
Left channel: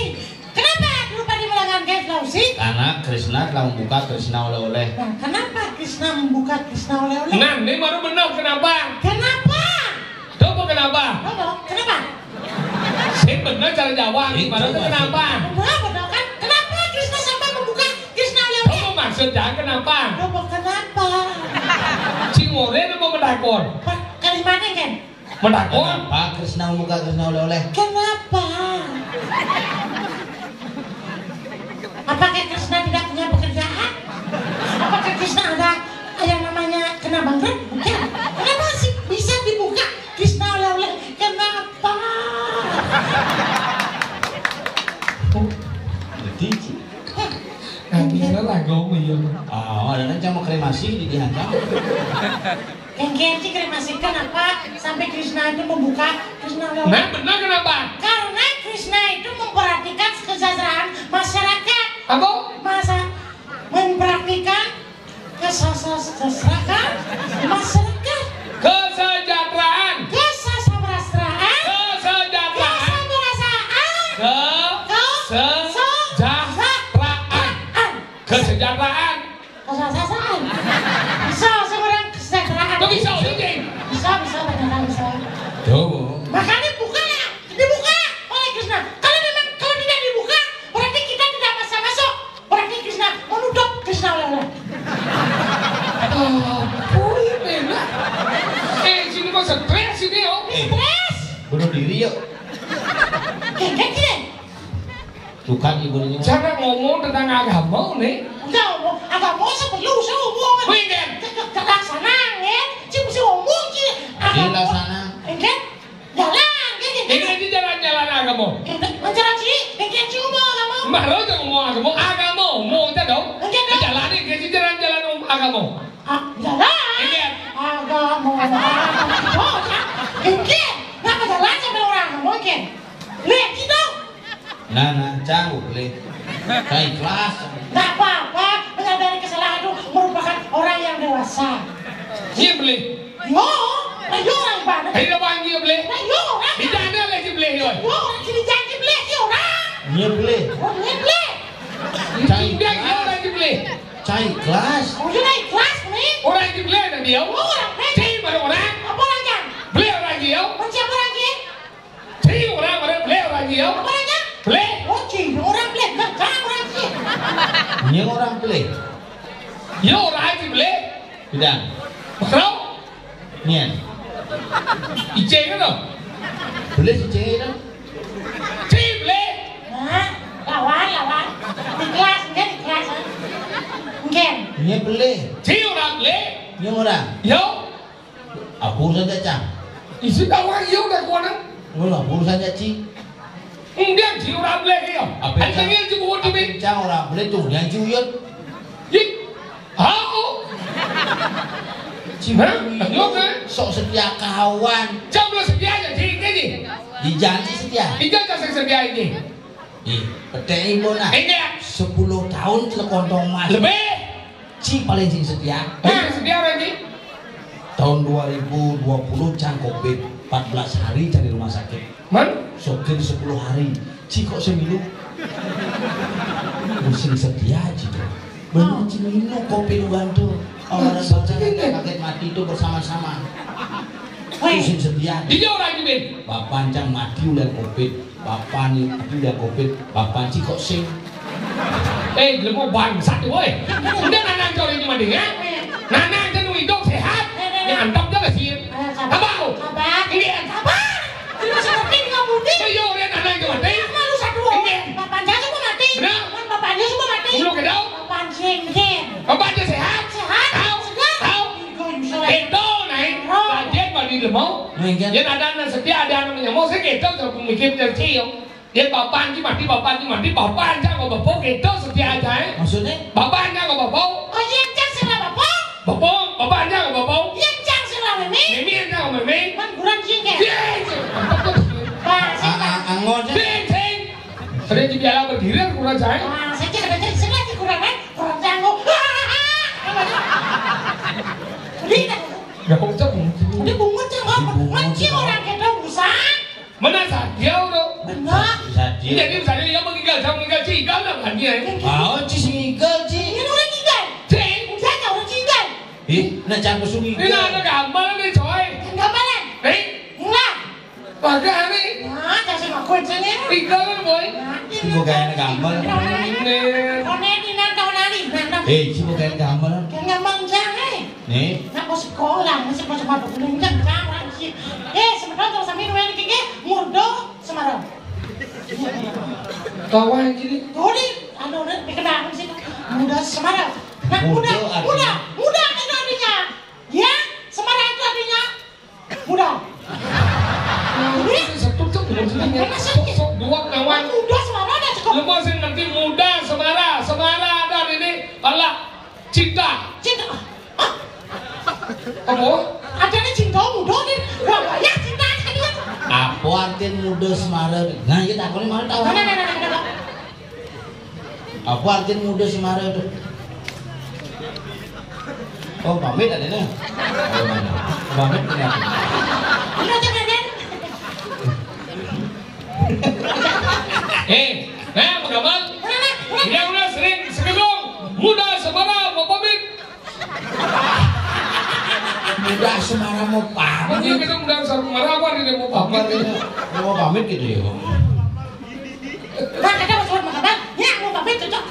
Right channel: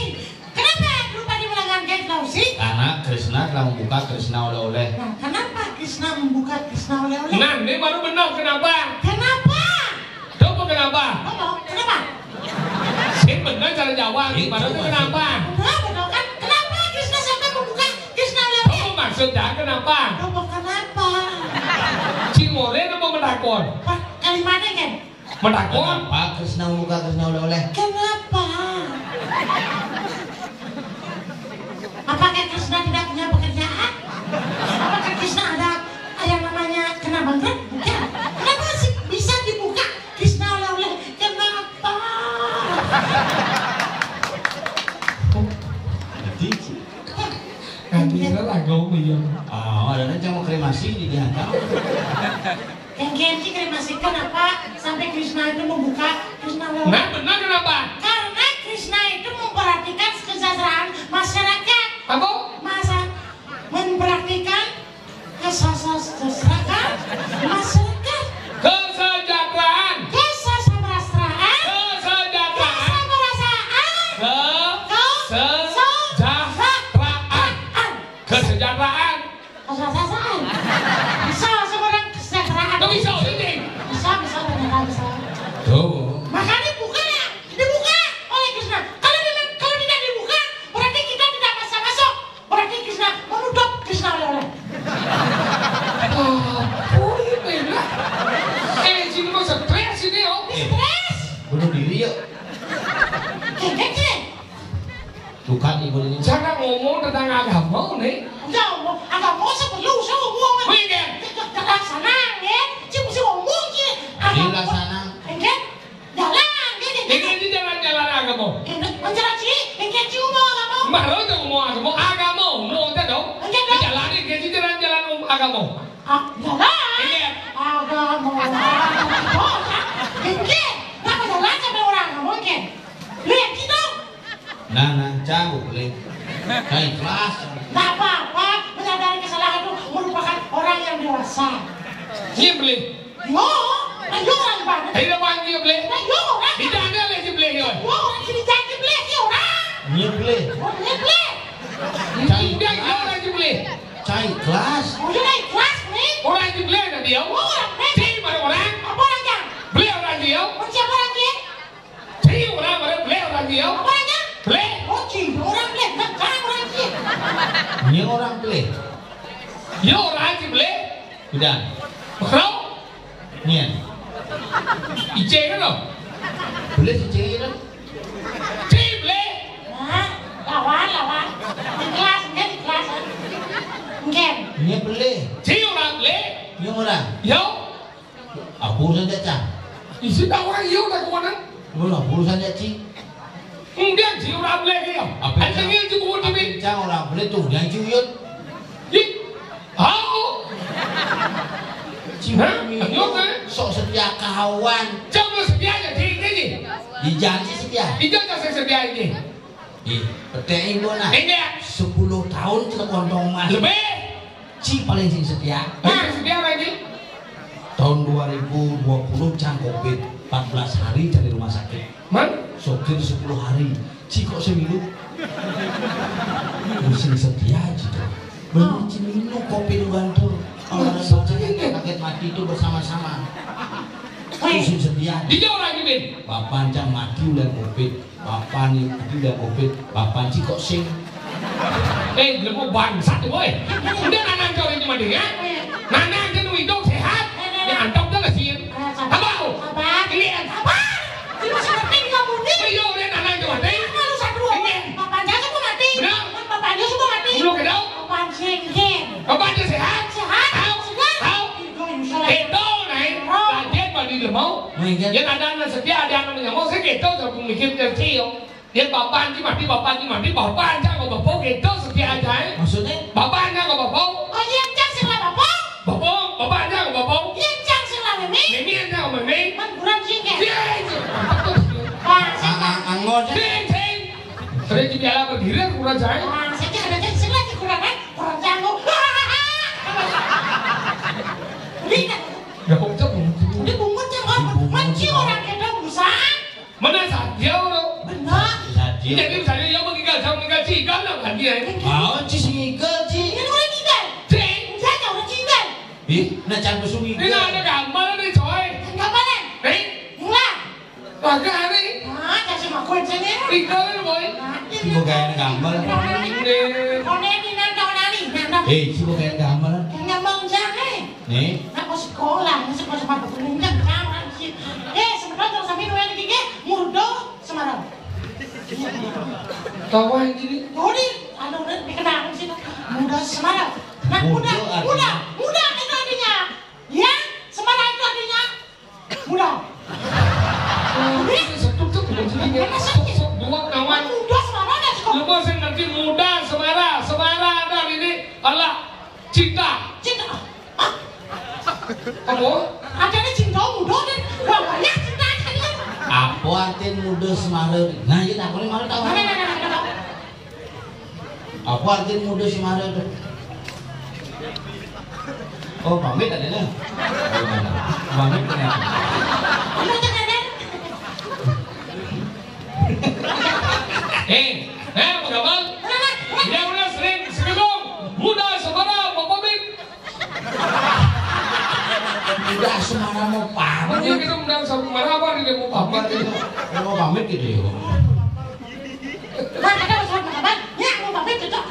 kenapa Guru Padi melanggan kain Sulawesi Karena Krishna telah membuka Krishna oleh-oleh. nah kenapa Krishna membuka Krishna oleh-oleh Nah ini baru benar kenapa? kenapa Coba kenapa? kenapa Saya benar cara Jawa gimana tuh kenapa? kenapa dong kan kenapa Krishna sampai membuka Krishna oleh-oleh Apa maksudnya kenapa? kenapa Cimore itu mau mendakor. kalimatnya kan Mendakor? Kenapa Krishna membuka Krishna oleh-oleh? kenapa apakah Krishna tidak punya pekerjaan apakah Krishna ada yang namanya kena bangkrut bukan kenapa sih bisa dibuka Krishna oleh-oleh kenapa Nantinya lah gau iya. Oh, dan aja mau kremasi dihantam. yang Genji kremasikan apa sampai Krishna itu membuka Krishna oleh-oleh Nah benar kenapa? karena Krishna itu memperhatikan kesejahteraan masyarakat Apa? masa memperhatikan kesejahteraan masyarakat Kesejahteraan. kesejahteraan Kesejahteraan. kesejahteraan Kesejahteraan. kesejahteraan bisa seorang kesejahteraan Kok bisa ini? bisa ternyata bisa Tuh. makanya dibuka oleh Krishna kalau tidak dibuka berarti kita tidak masuk berarti Krishna menutup Krishna oleh-oleh Boleh benar. Sini mau stres ini oh. stres Bunuh diri yuk. kayak gini Bukan ibunya. Cara ngomong tentang agama nih. enggak agak mau sebelum ngomong Weekend. kelaksanaan ya cuma bisa ngomong sih Dilaksana. enggak jalan gitu Ini aja jalan-jalan agama. menjalan sih enggak cuma agak mau Baru tuh ngomong agama. Agama mau tak dong? Jalan ini kayak jalan-jalan agama. jalan Ingat. agak mau enggak kenapa jalan sama orang mungkin lihat gitu Nah, jauh boleh. Kain kelas. nggak apa-apa menyadari kesalahan itu merupakan orang yang dewasa Iya boleh. yo orang banget Tidak panggil boleh. yo orang Tidak ada lagi boleh yo. yo orang kiri jangan beli yo orang Iya boleh. orang beli Tidak ada lagi boleh. Cai kelas. udah naik kelas nih Orang lagi boleh nanti yo. orang Cih mana orang? apa orangnya Boleh orang lagi yo. siapa orangnya Cih orang boleh orang lagi yo. apa orangnya Boleh. oke orang beli nggak sekarang orangnya Ini orang boleh. Yo orang lagi boleh. Tidak. Kau? Nih. Ije kan dong? Boleh si cewek itu. Cih boleh. nah lawan di kelas enggak di kelas enggak Ini boleh. Cih orang boleh. Ini orang. Yo. Apa urusan dia cang? Isi tahu orang yo dah kau nak. Belum urusan dia ci. Enggak sih orang boleh yo. Ada yang juga buat ini. Cang orang boleh tuh yang ciut. Ih. Hah? Nyok kan? Sok setia kawan. Coba sedia aja di ini. Dijanji setia. Itu kasih sedia ini. Petai bona. Ini 10 tahun telekontong mas. lebih. Ci paling sing setia. Hah, sedia lagi. Tahun 2020 can Covid 14 hari cari rumah sakit. Man? Sopir 10 hari. Ci kok seminggu. Sing setia aja. Belum cimino Covid gantul. Orang paket mati itu bersama-sama. Sing setia. Dia orang ini. Bapak jam mati udah Covid. Bapak nih mati udah Covid. Bapak ci kok sing. Belum mau bangsat tuh boy. Udah nanang cowok ini mandi ya. Nanang kan hidup sehat. Ini antop dia sih. Apa? Ini apa? Terus mati kamu nih. Ayo, udah nanang cowok mati. Lalu satu orang. Bapaknya semua mati. Benar. Bapaknya semua mati. Belum kedau. Bapak sih. Bapak dia sehat. Sehat. Tahu. Tahu. Itu naik. Dia pada di mau. Dia ada setia ada anak yang mau sih itu terus mikir tercium. Dia bapak ni mati bapak aja kau bapak gitu setia aja. Maksudnya? Bapak aja kau bapak. Oh yang cang sila bapak. Bapak aja kau bapak. Yang cang sila memi. Mimi aja kau mimi. Man kurang sih ke. Pak Angon. Sing. Sering di piala berdiri kurang aja. saya tidak ada sila di kurang kurang canggung. Lihat. Gak usah Udah bungut cang mancing orang kita busan. mana saja udah. Benar. Jadi misalnya yang meninggal sama meninggal sih kan lah dia. Mau ci sing ngigel ci. Ini orang tinggal. Sing. Saya orang tinggal. Ih, na can kusung Ini ngigel. ada gambar nih coy. Enggak mana? Enggak. Kagak nih. Nah, kasih makan sini. Tinggal boy. Ci mau gawe gambar. Kone di nandang nari, nandang. Ci mau gawe gambar. Kaya bangsa Nih. Nak sekolah, masih masuk apa pun enggak orang sih. Sebenarnya terus sampai nuan gini, murdo semarang. Kawan gini. Kodi, aduh udah dikenal sih. Muda semarang. Nah, Murdo muda itu artinya. Ya, semarang itu artinya muda. Sebut tuh sok dua kawan. Muda semarang ada sekolah. Lu mau sih nanti muda semara ada ini Allah cinta. Apa? Ada nih cinta muda nih, udah banyak cinta aja. Apa artian muda Semarang? Nah, kita aku ini malah tahu. Nah. Apa artian muda Semarang itu? Oh, pamit ada nih. Pamit kenapa? Udah jangan. Udah bang. Dia udah sering sekedung muda semara mau pamit. Muda Semarang mau pamit. Dia kita muda semara apa dia mau pamit? Mau pamit gitu ya. Nah, ada masalah makanan. Ya, mau pamit cocok.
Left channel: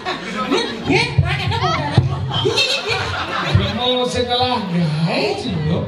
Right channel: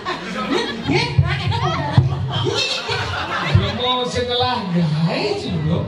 Ya, nah, ada mau Mau setelah guys dulu.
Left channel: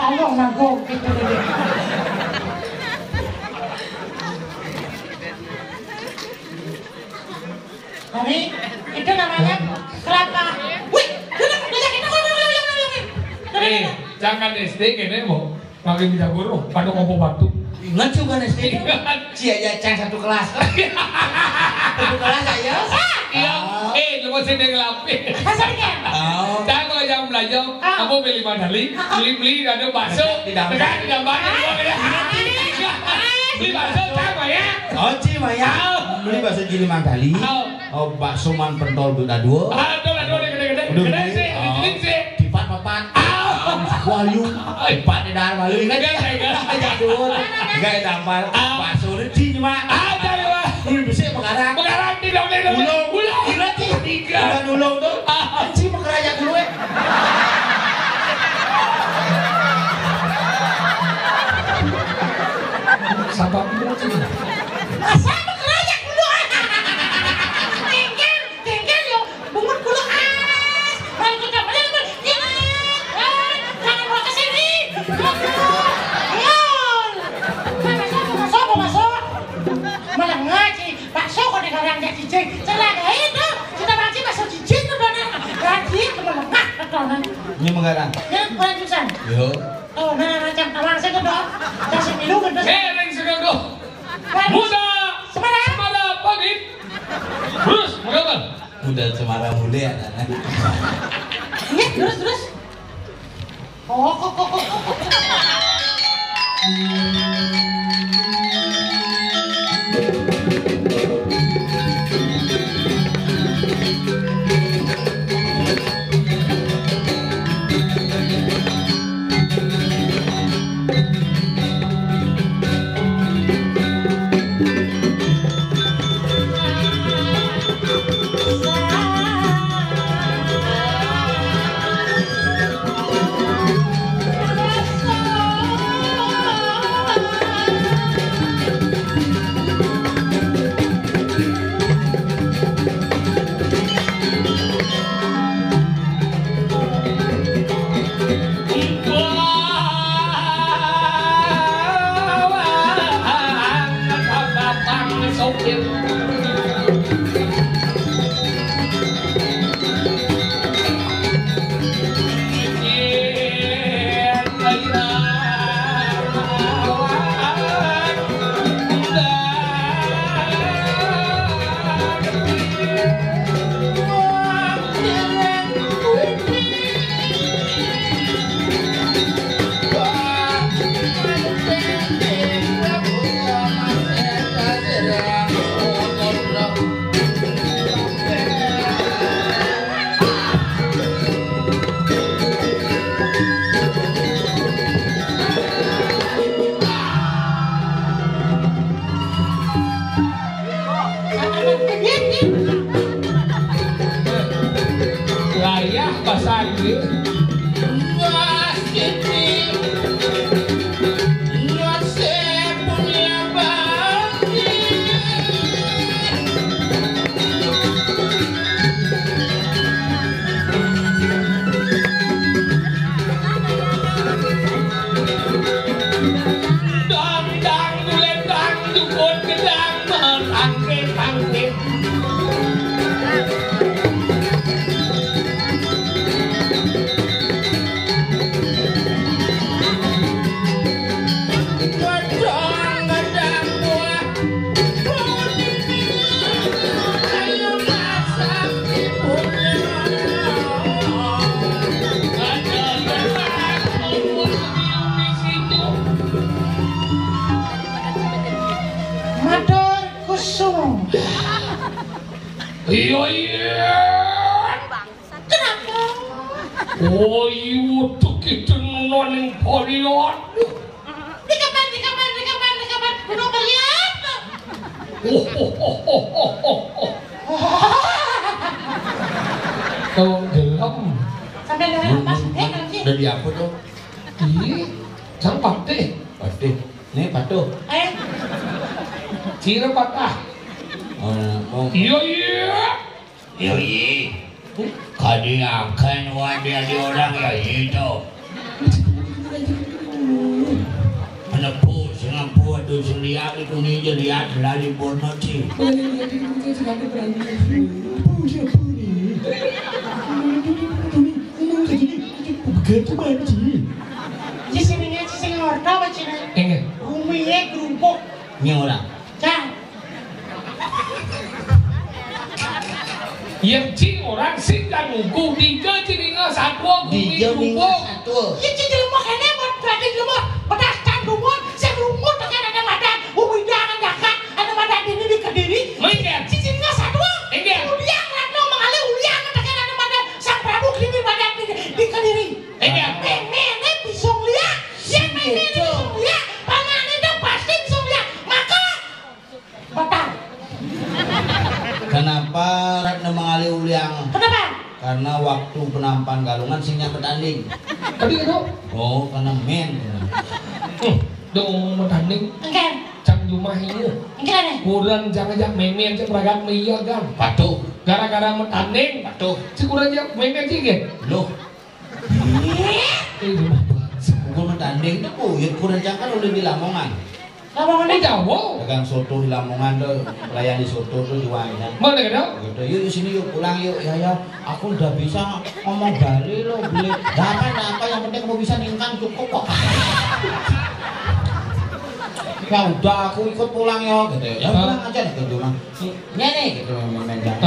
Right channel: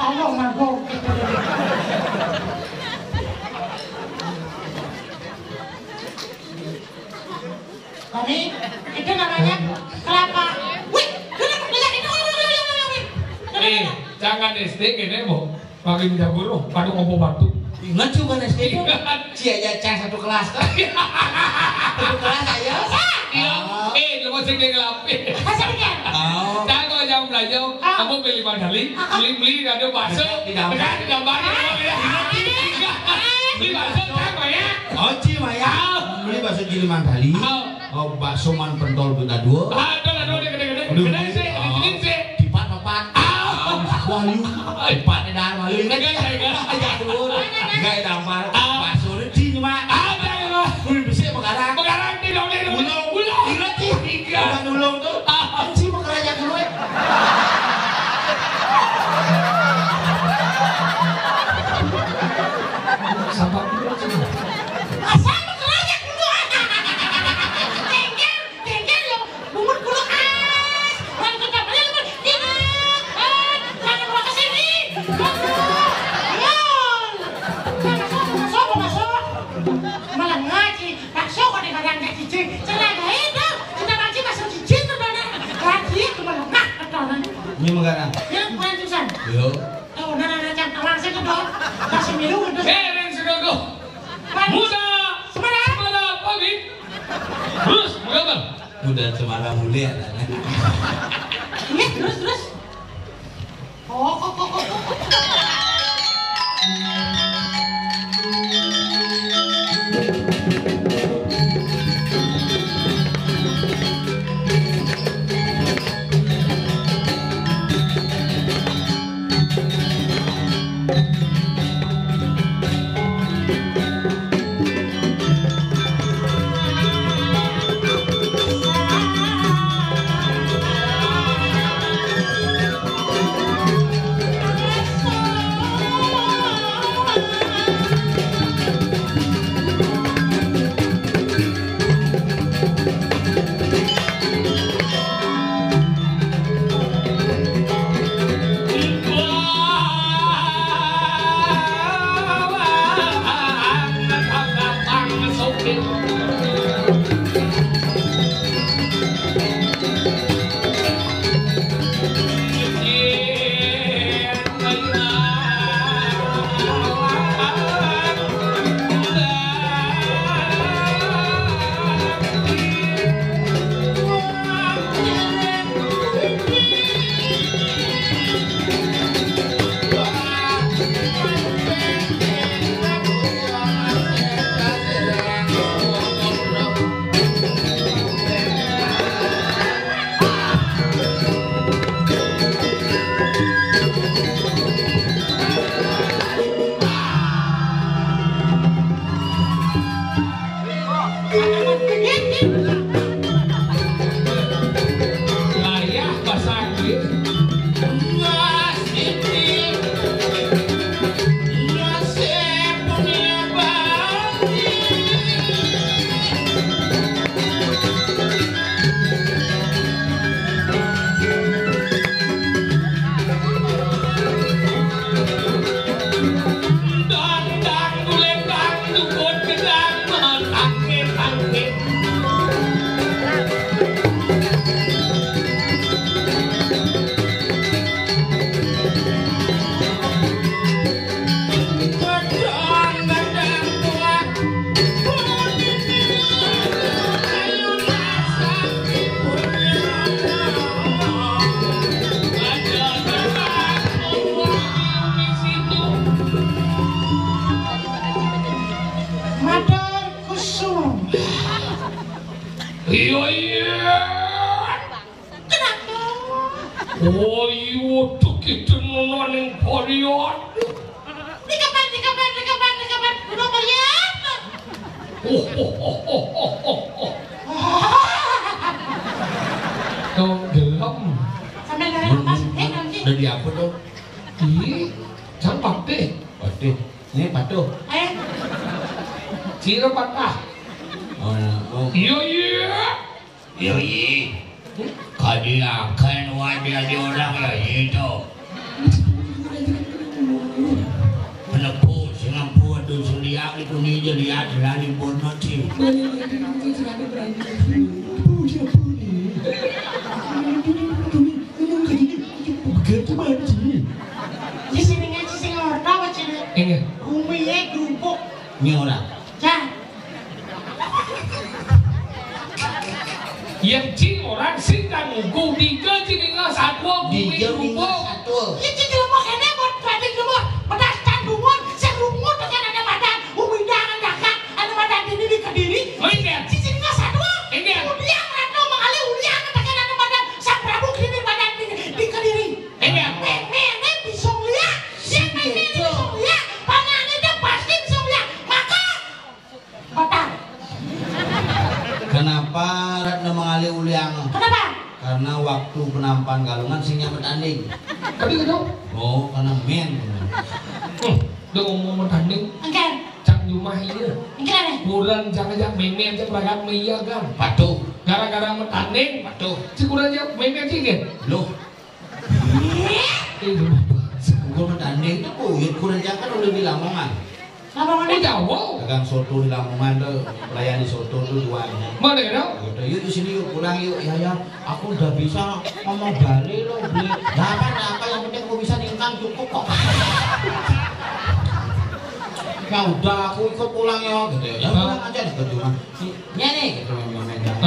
Tolong aku gitu deh. Ini itu namanya kelapa. Wih, Jangan SD kene mau pakai minta guru, kado kompo batu. Ingat coba nih sih. Cia ya cang satu kelas. Satu kelas aja. Lu masih ngelapi. Oh. Saya kalau jam belajar, aku beli mandali, beli kado bakso, di gambar. Beli bakso sama ya. Oh, Ci Maya. Beli bakso Cili Mandali. Oh, bakso man pentol duda dua. Ada gede sih, ini sih. Dipat papat. Wahyu. Dipat di dalam malu. Enggak dampal. Bakso Ci cuma. Ada lah. Beli besi pegarang. Pegarang di dalam Ulang. Ingat Ci. Bukan ulang tuh. Ci mau kerajaan dulu ya. Sabar dulu sih. Asal bekerja dulu. Tengkel yo, bungut bulu khas. Kalau kita benar jangan bawa ke sini. Ini megara. Ya, kurang jurusan. Yo. Oh, mana macam tawang saja dong. Kasih minum untuk. Ring segago. Bagus. Muda. Semarang. Semara pagi. Terus, mengapa? Muda cemara mulia. Iya, terus. Kok. Dari apa tuh? Ih, jangan patih. Patih. Nih patuh. Cira patah. Oh. Iya. Kadi akan wadah di orang ya itu. Menepu sengampu aduh seliak itu nih jadi adalah di Bornoti. Begitu banci. Di sini ngaji sing ordo bacine. Umiye grumpuk. Ini orang. Jangan. Yang cing orang sing dan nguku tiga cilinga satu bumi grumpuk. Ya jadi lemok ini buat berarti lumut. Pedas dan lumut. Saya lumut dengan ada madan. Umi jangan jaga. Ada madan ini di Kediri. Enggak. Cicinnya satu. Enggak. Uliang ratno mengalir uliang dengan ada madan. Sang Prabu kini madan di Kediri. Enggak. Ini bisa lihat. Ya ini bisa lihat. Pangan itu pasti bisa lihat. Maka total. Kenapa Ratna mengalih uliang? Kenapa? Karena waktu penampan galungan sing nyambut anding. Tadi kau? Oh, karena men. Udah ngomong tanding. Enggak. Cang rumah ini. Enggak nih. Kurang jangan memen cek beragam iya kan. Patuh. Gara-gara mentanding. Patuh. Sekurang memen cek ya. Loh. Rumah Kurang anding itu kuyut kurang jangan oleh bilang mongan. Apa mana? Jauh. Pegang soto di Lamongan tuh, melayani soto tuh jualnya. Mana kena? Gitu, yuk di sini yuk pulang yuk ya aku udah bisa ngomong Bali loh beli apa yang penting kamu bisa ningkang cukup kok. Ya udah aku ikut pulang ya gitu ya pulang aja nih ke rumah nih gitu memenjang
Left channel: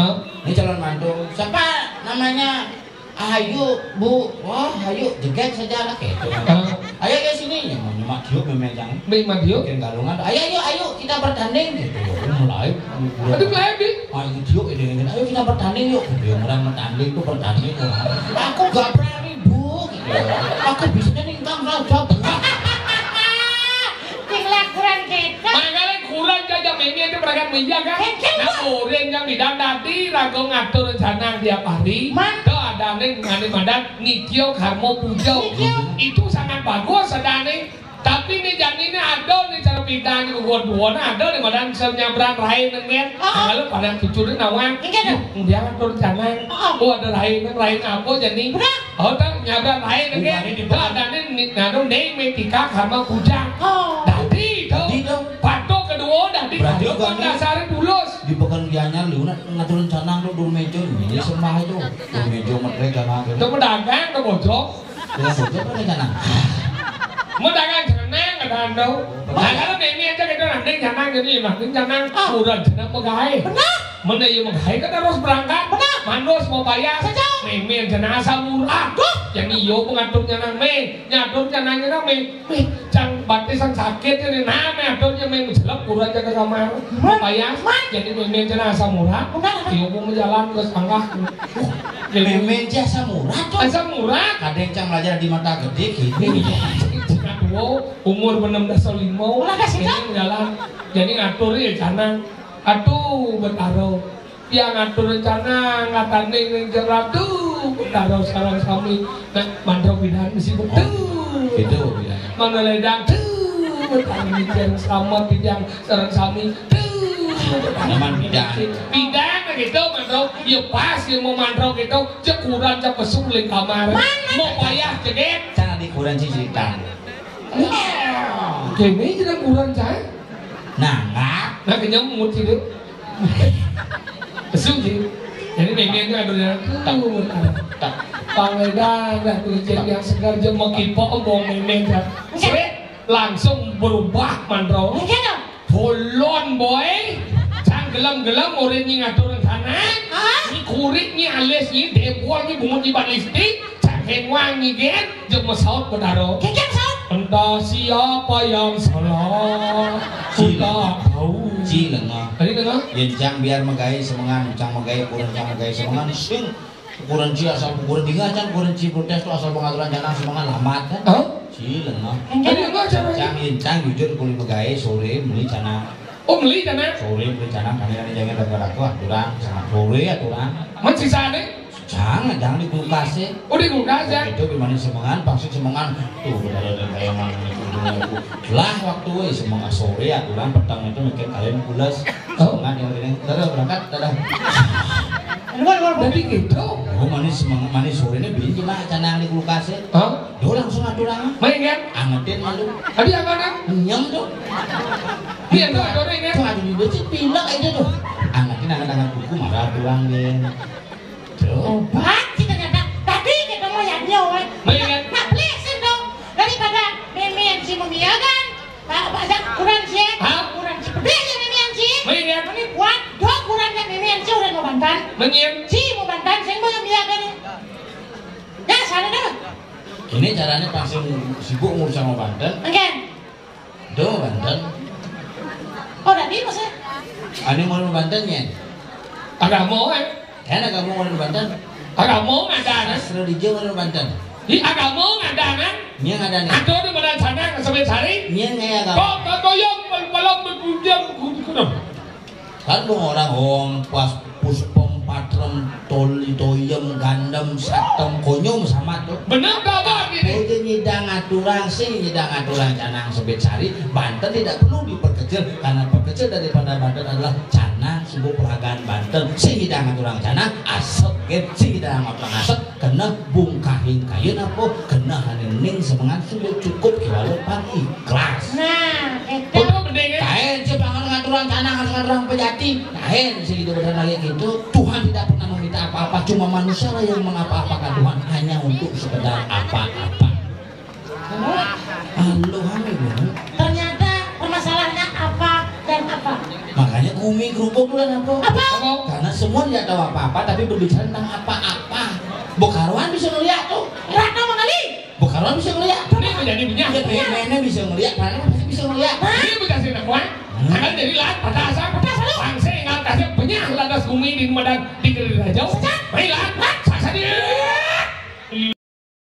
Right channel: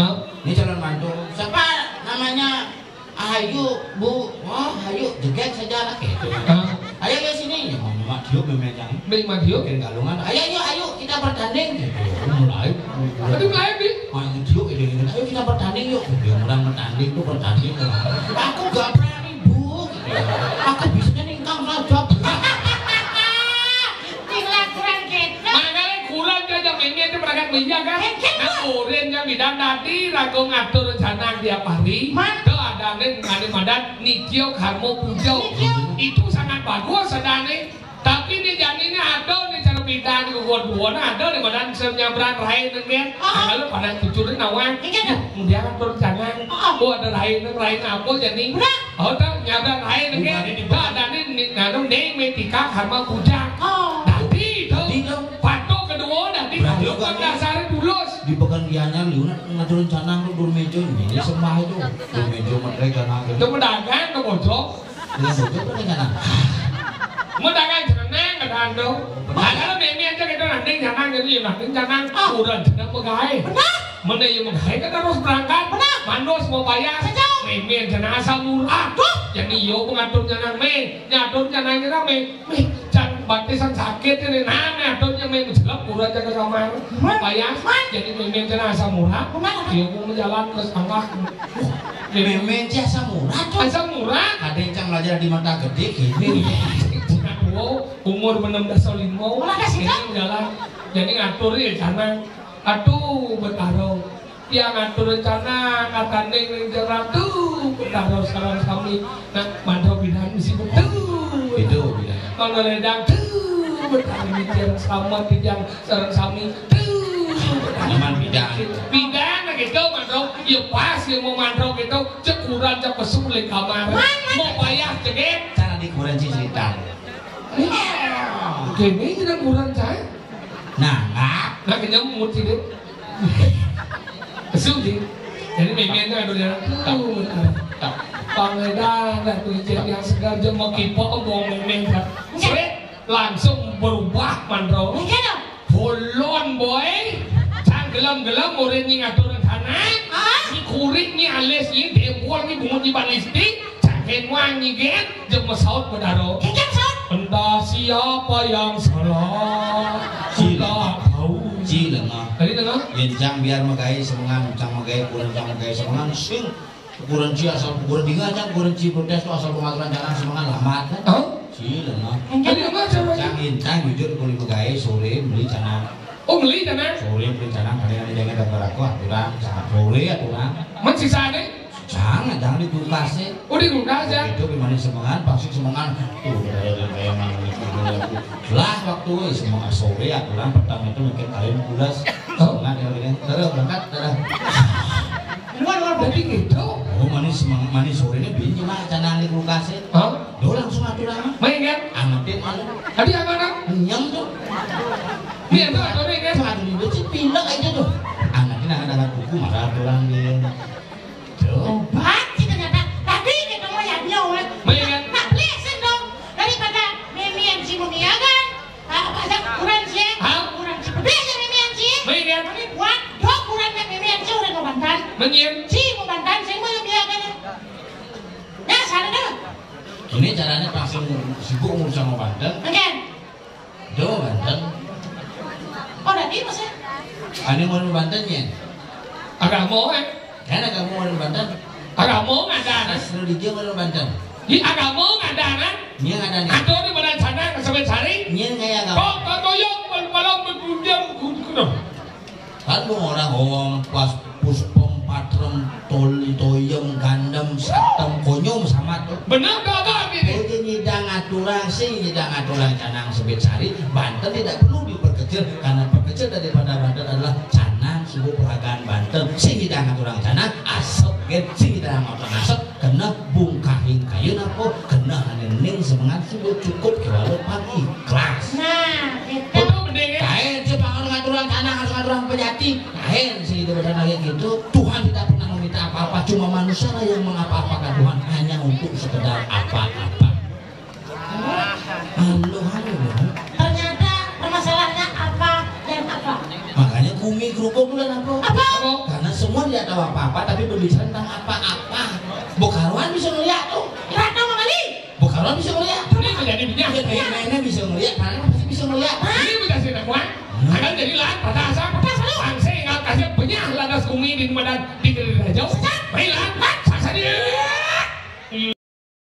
ini calon mantu siapa namanya Ayu Bu oh Ayu jeget saja lah gitu ayo ke sini ya nyemak dia memenjang Di Madio. kirim kalungan ayo kita bertanding gitu mulai Aduh lagi. ayo dia ini ayo kita bertanding yuk gitu orang bertanding tuh bertanding aku gak berani Bu gitu aku bisa ningkang saja Kurang jajak ini itu mereka menjaga. Aku yang bidang tadi ragu ngatur rencana tiap hari. Keadaan madat nikio karmo pujo itu sangat bagus sedane. Tapi nih jangan ini ada nih cara bidang buat ada nih madan senyabran lain nengen. Kalau pada tujuh nawang. Kemudian rencana. Oh ada lain apa jadi? Oh tak nyabran lain nengen. Keadaan ini naruh nih metika karmo puja. Tadi itu. Berarti kan dasarnya tulus. Di pekan gianyar liuna ngatur rencana lu dur mejo ini semua itu. Dur mejo mereka jangan. Itu pedagang ke bojok. Ya bojok kan rencana. Medagang jeneng kedan do. Nah kalau ini aja kita nanti jangan jadi nanti jangan udah jeneng pegawai. Mana yang pegawai kan harus berangkat. Mandos mau bayar. Meme jeneng asal murah. Jadi yo pengatur jeneng nyatur jeneng jangan batisan sakit ini aturnya jelek kurang jaga kamar bayar jadi meme jeneng asal murah. Yo mau jalan ke sangkah. Meme asal murah tuh. Asal murah. Ada yang cang belajar di mata gede gini. Umur 16 tahun ini jalan jadi ngatur rencana aduh betaro yang ngatur rencana ngatanding ning jerak tuh betaro sareng sami mandro bidan mesti betul itu bidan mana ledang tuh betaro bidan sama bidang sareng sami nyaman bidang gitu mandro yuk pas yang mau mandro gitu cekuran cek pesuling kamar mau bayar ceket jangan dikuran cicitan. Kini juga kurang cah. Nah kena mut itu. Kesuji. Jadi memang itu ada yang Pangeran dan tujuan yang segar jema kipo bong memang langsung berubah mandro. Bolon boy. Cang gelam-gelam orang ni ngatur rencana. Ni kurit ni alis ni debuang ni bungut ni balistik. Cangken wang ni gen jema saut bedaro. Entah siapa yang salah, kita tahu. Cila mah. Hari mana? Yang cang biar megai semangan, cang megai kurang cang megai semangan. Sing kurang ci asal kurang dingan cang kurang ci protes tu asal pengaturan jangan semangan lamat kan? Cila mah. Hari mana cang? Cang jujur kulit megai sore beli canang. Oh beli canang? Sore beli canang. Kali ini jangan dapat aku aturan. Sangat sore aturan. Masih sana? Jangan di kulkas sih. Oh di kulkas ya? Itu gimana semangan, pasti semangan. Tuh ada kayak mana lah waktu semangat sore aturan petang itu mikir kalian kulkas. Semangat yang ini. Dadah berangkat, dadah. Jadi gitu. Oh manis sore ini beli cuma canang di kulkas sih. Dia langsung aturan. Main kan? Angetin masuk. Tadi apa kan? Nyam tuh. Iya tuh ada orang kan? Tuh ada di sini pindah aja tuh. Angetin buku marah aturan dia. Obat kita dapat tadi kita mau yang dia oleh nak plesin dong daripada memian si memiagan ada kurang sih kurang seperti memian sih ini buat dua kurang yang memian sih udah mau bantan si mau bantan saya mau memiagan ya sana dong ini caranya langsung sibuk ngurus sama bantan do bantan oh tadi masa ada mau bantannya agak mau karena kamu mau Banten, agakmu ngadanan. Asal di Jawa mau Banten. Di agakmu ngadanan. Nya ngadanan. Atau di mana sana ngesebut sari? Nya ngaya agak. Oh, kau yang malam berkudiam kudu. Kan orang pas puspom patrem tol toyem gandam satem konyum sama tuh. Benar tak gini? Jadi nyidang aturan canang sebut sari. Banten tidak perlu diperkecil karena perkecil daripada Banten adalah canang sebuah pelagaan Banten. Si hidang aturan canang asap get si hidang aturan asap kena bungkahing kayu apa kena hanening semangat sudah cukup kira depan ikhlas. Nah itu. manusia yang mengapa-apakan Tuhan hanya untuk sekedar apa-apa. Aluhan ini. Ternyata permasalahannya apa dan apa. Makanya kumi kerupuk bukan apa? Apa? Karena semua tidak tahu apa-apa tapi berbicara tentang apa-apa. Bukaruan bisa ngeliat tuh. Rata mengali. Bukaruan bisa ngeliat. Ini menjadi penyakit. Nenek bisa ngeliat, Panon pasti bisa ngeliat. Ini dikasih dakwah. Akan jadi lahat patasan. Pangsa yang kasih penyah ladas kumi di madang di kerajaan.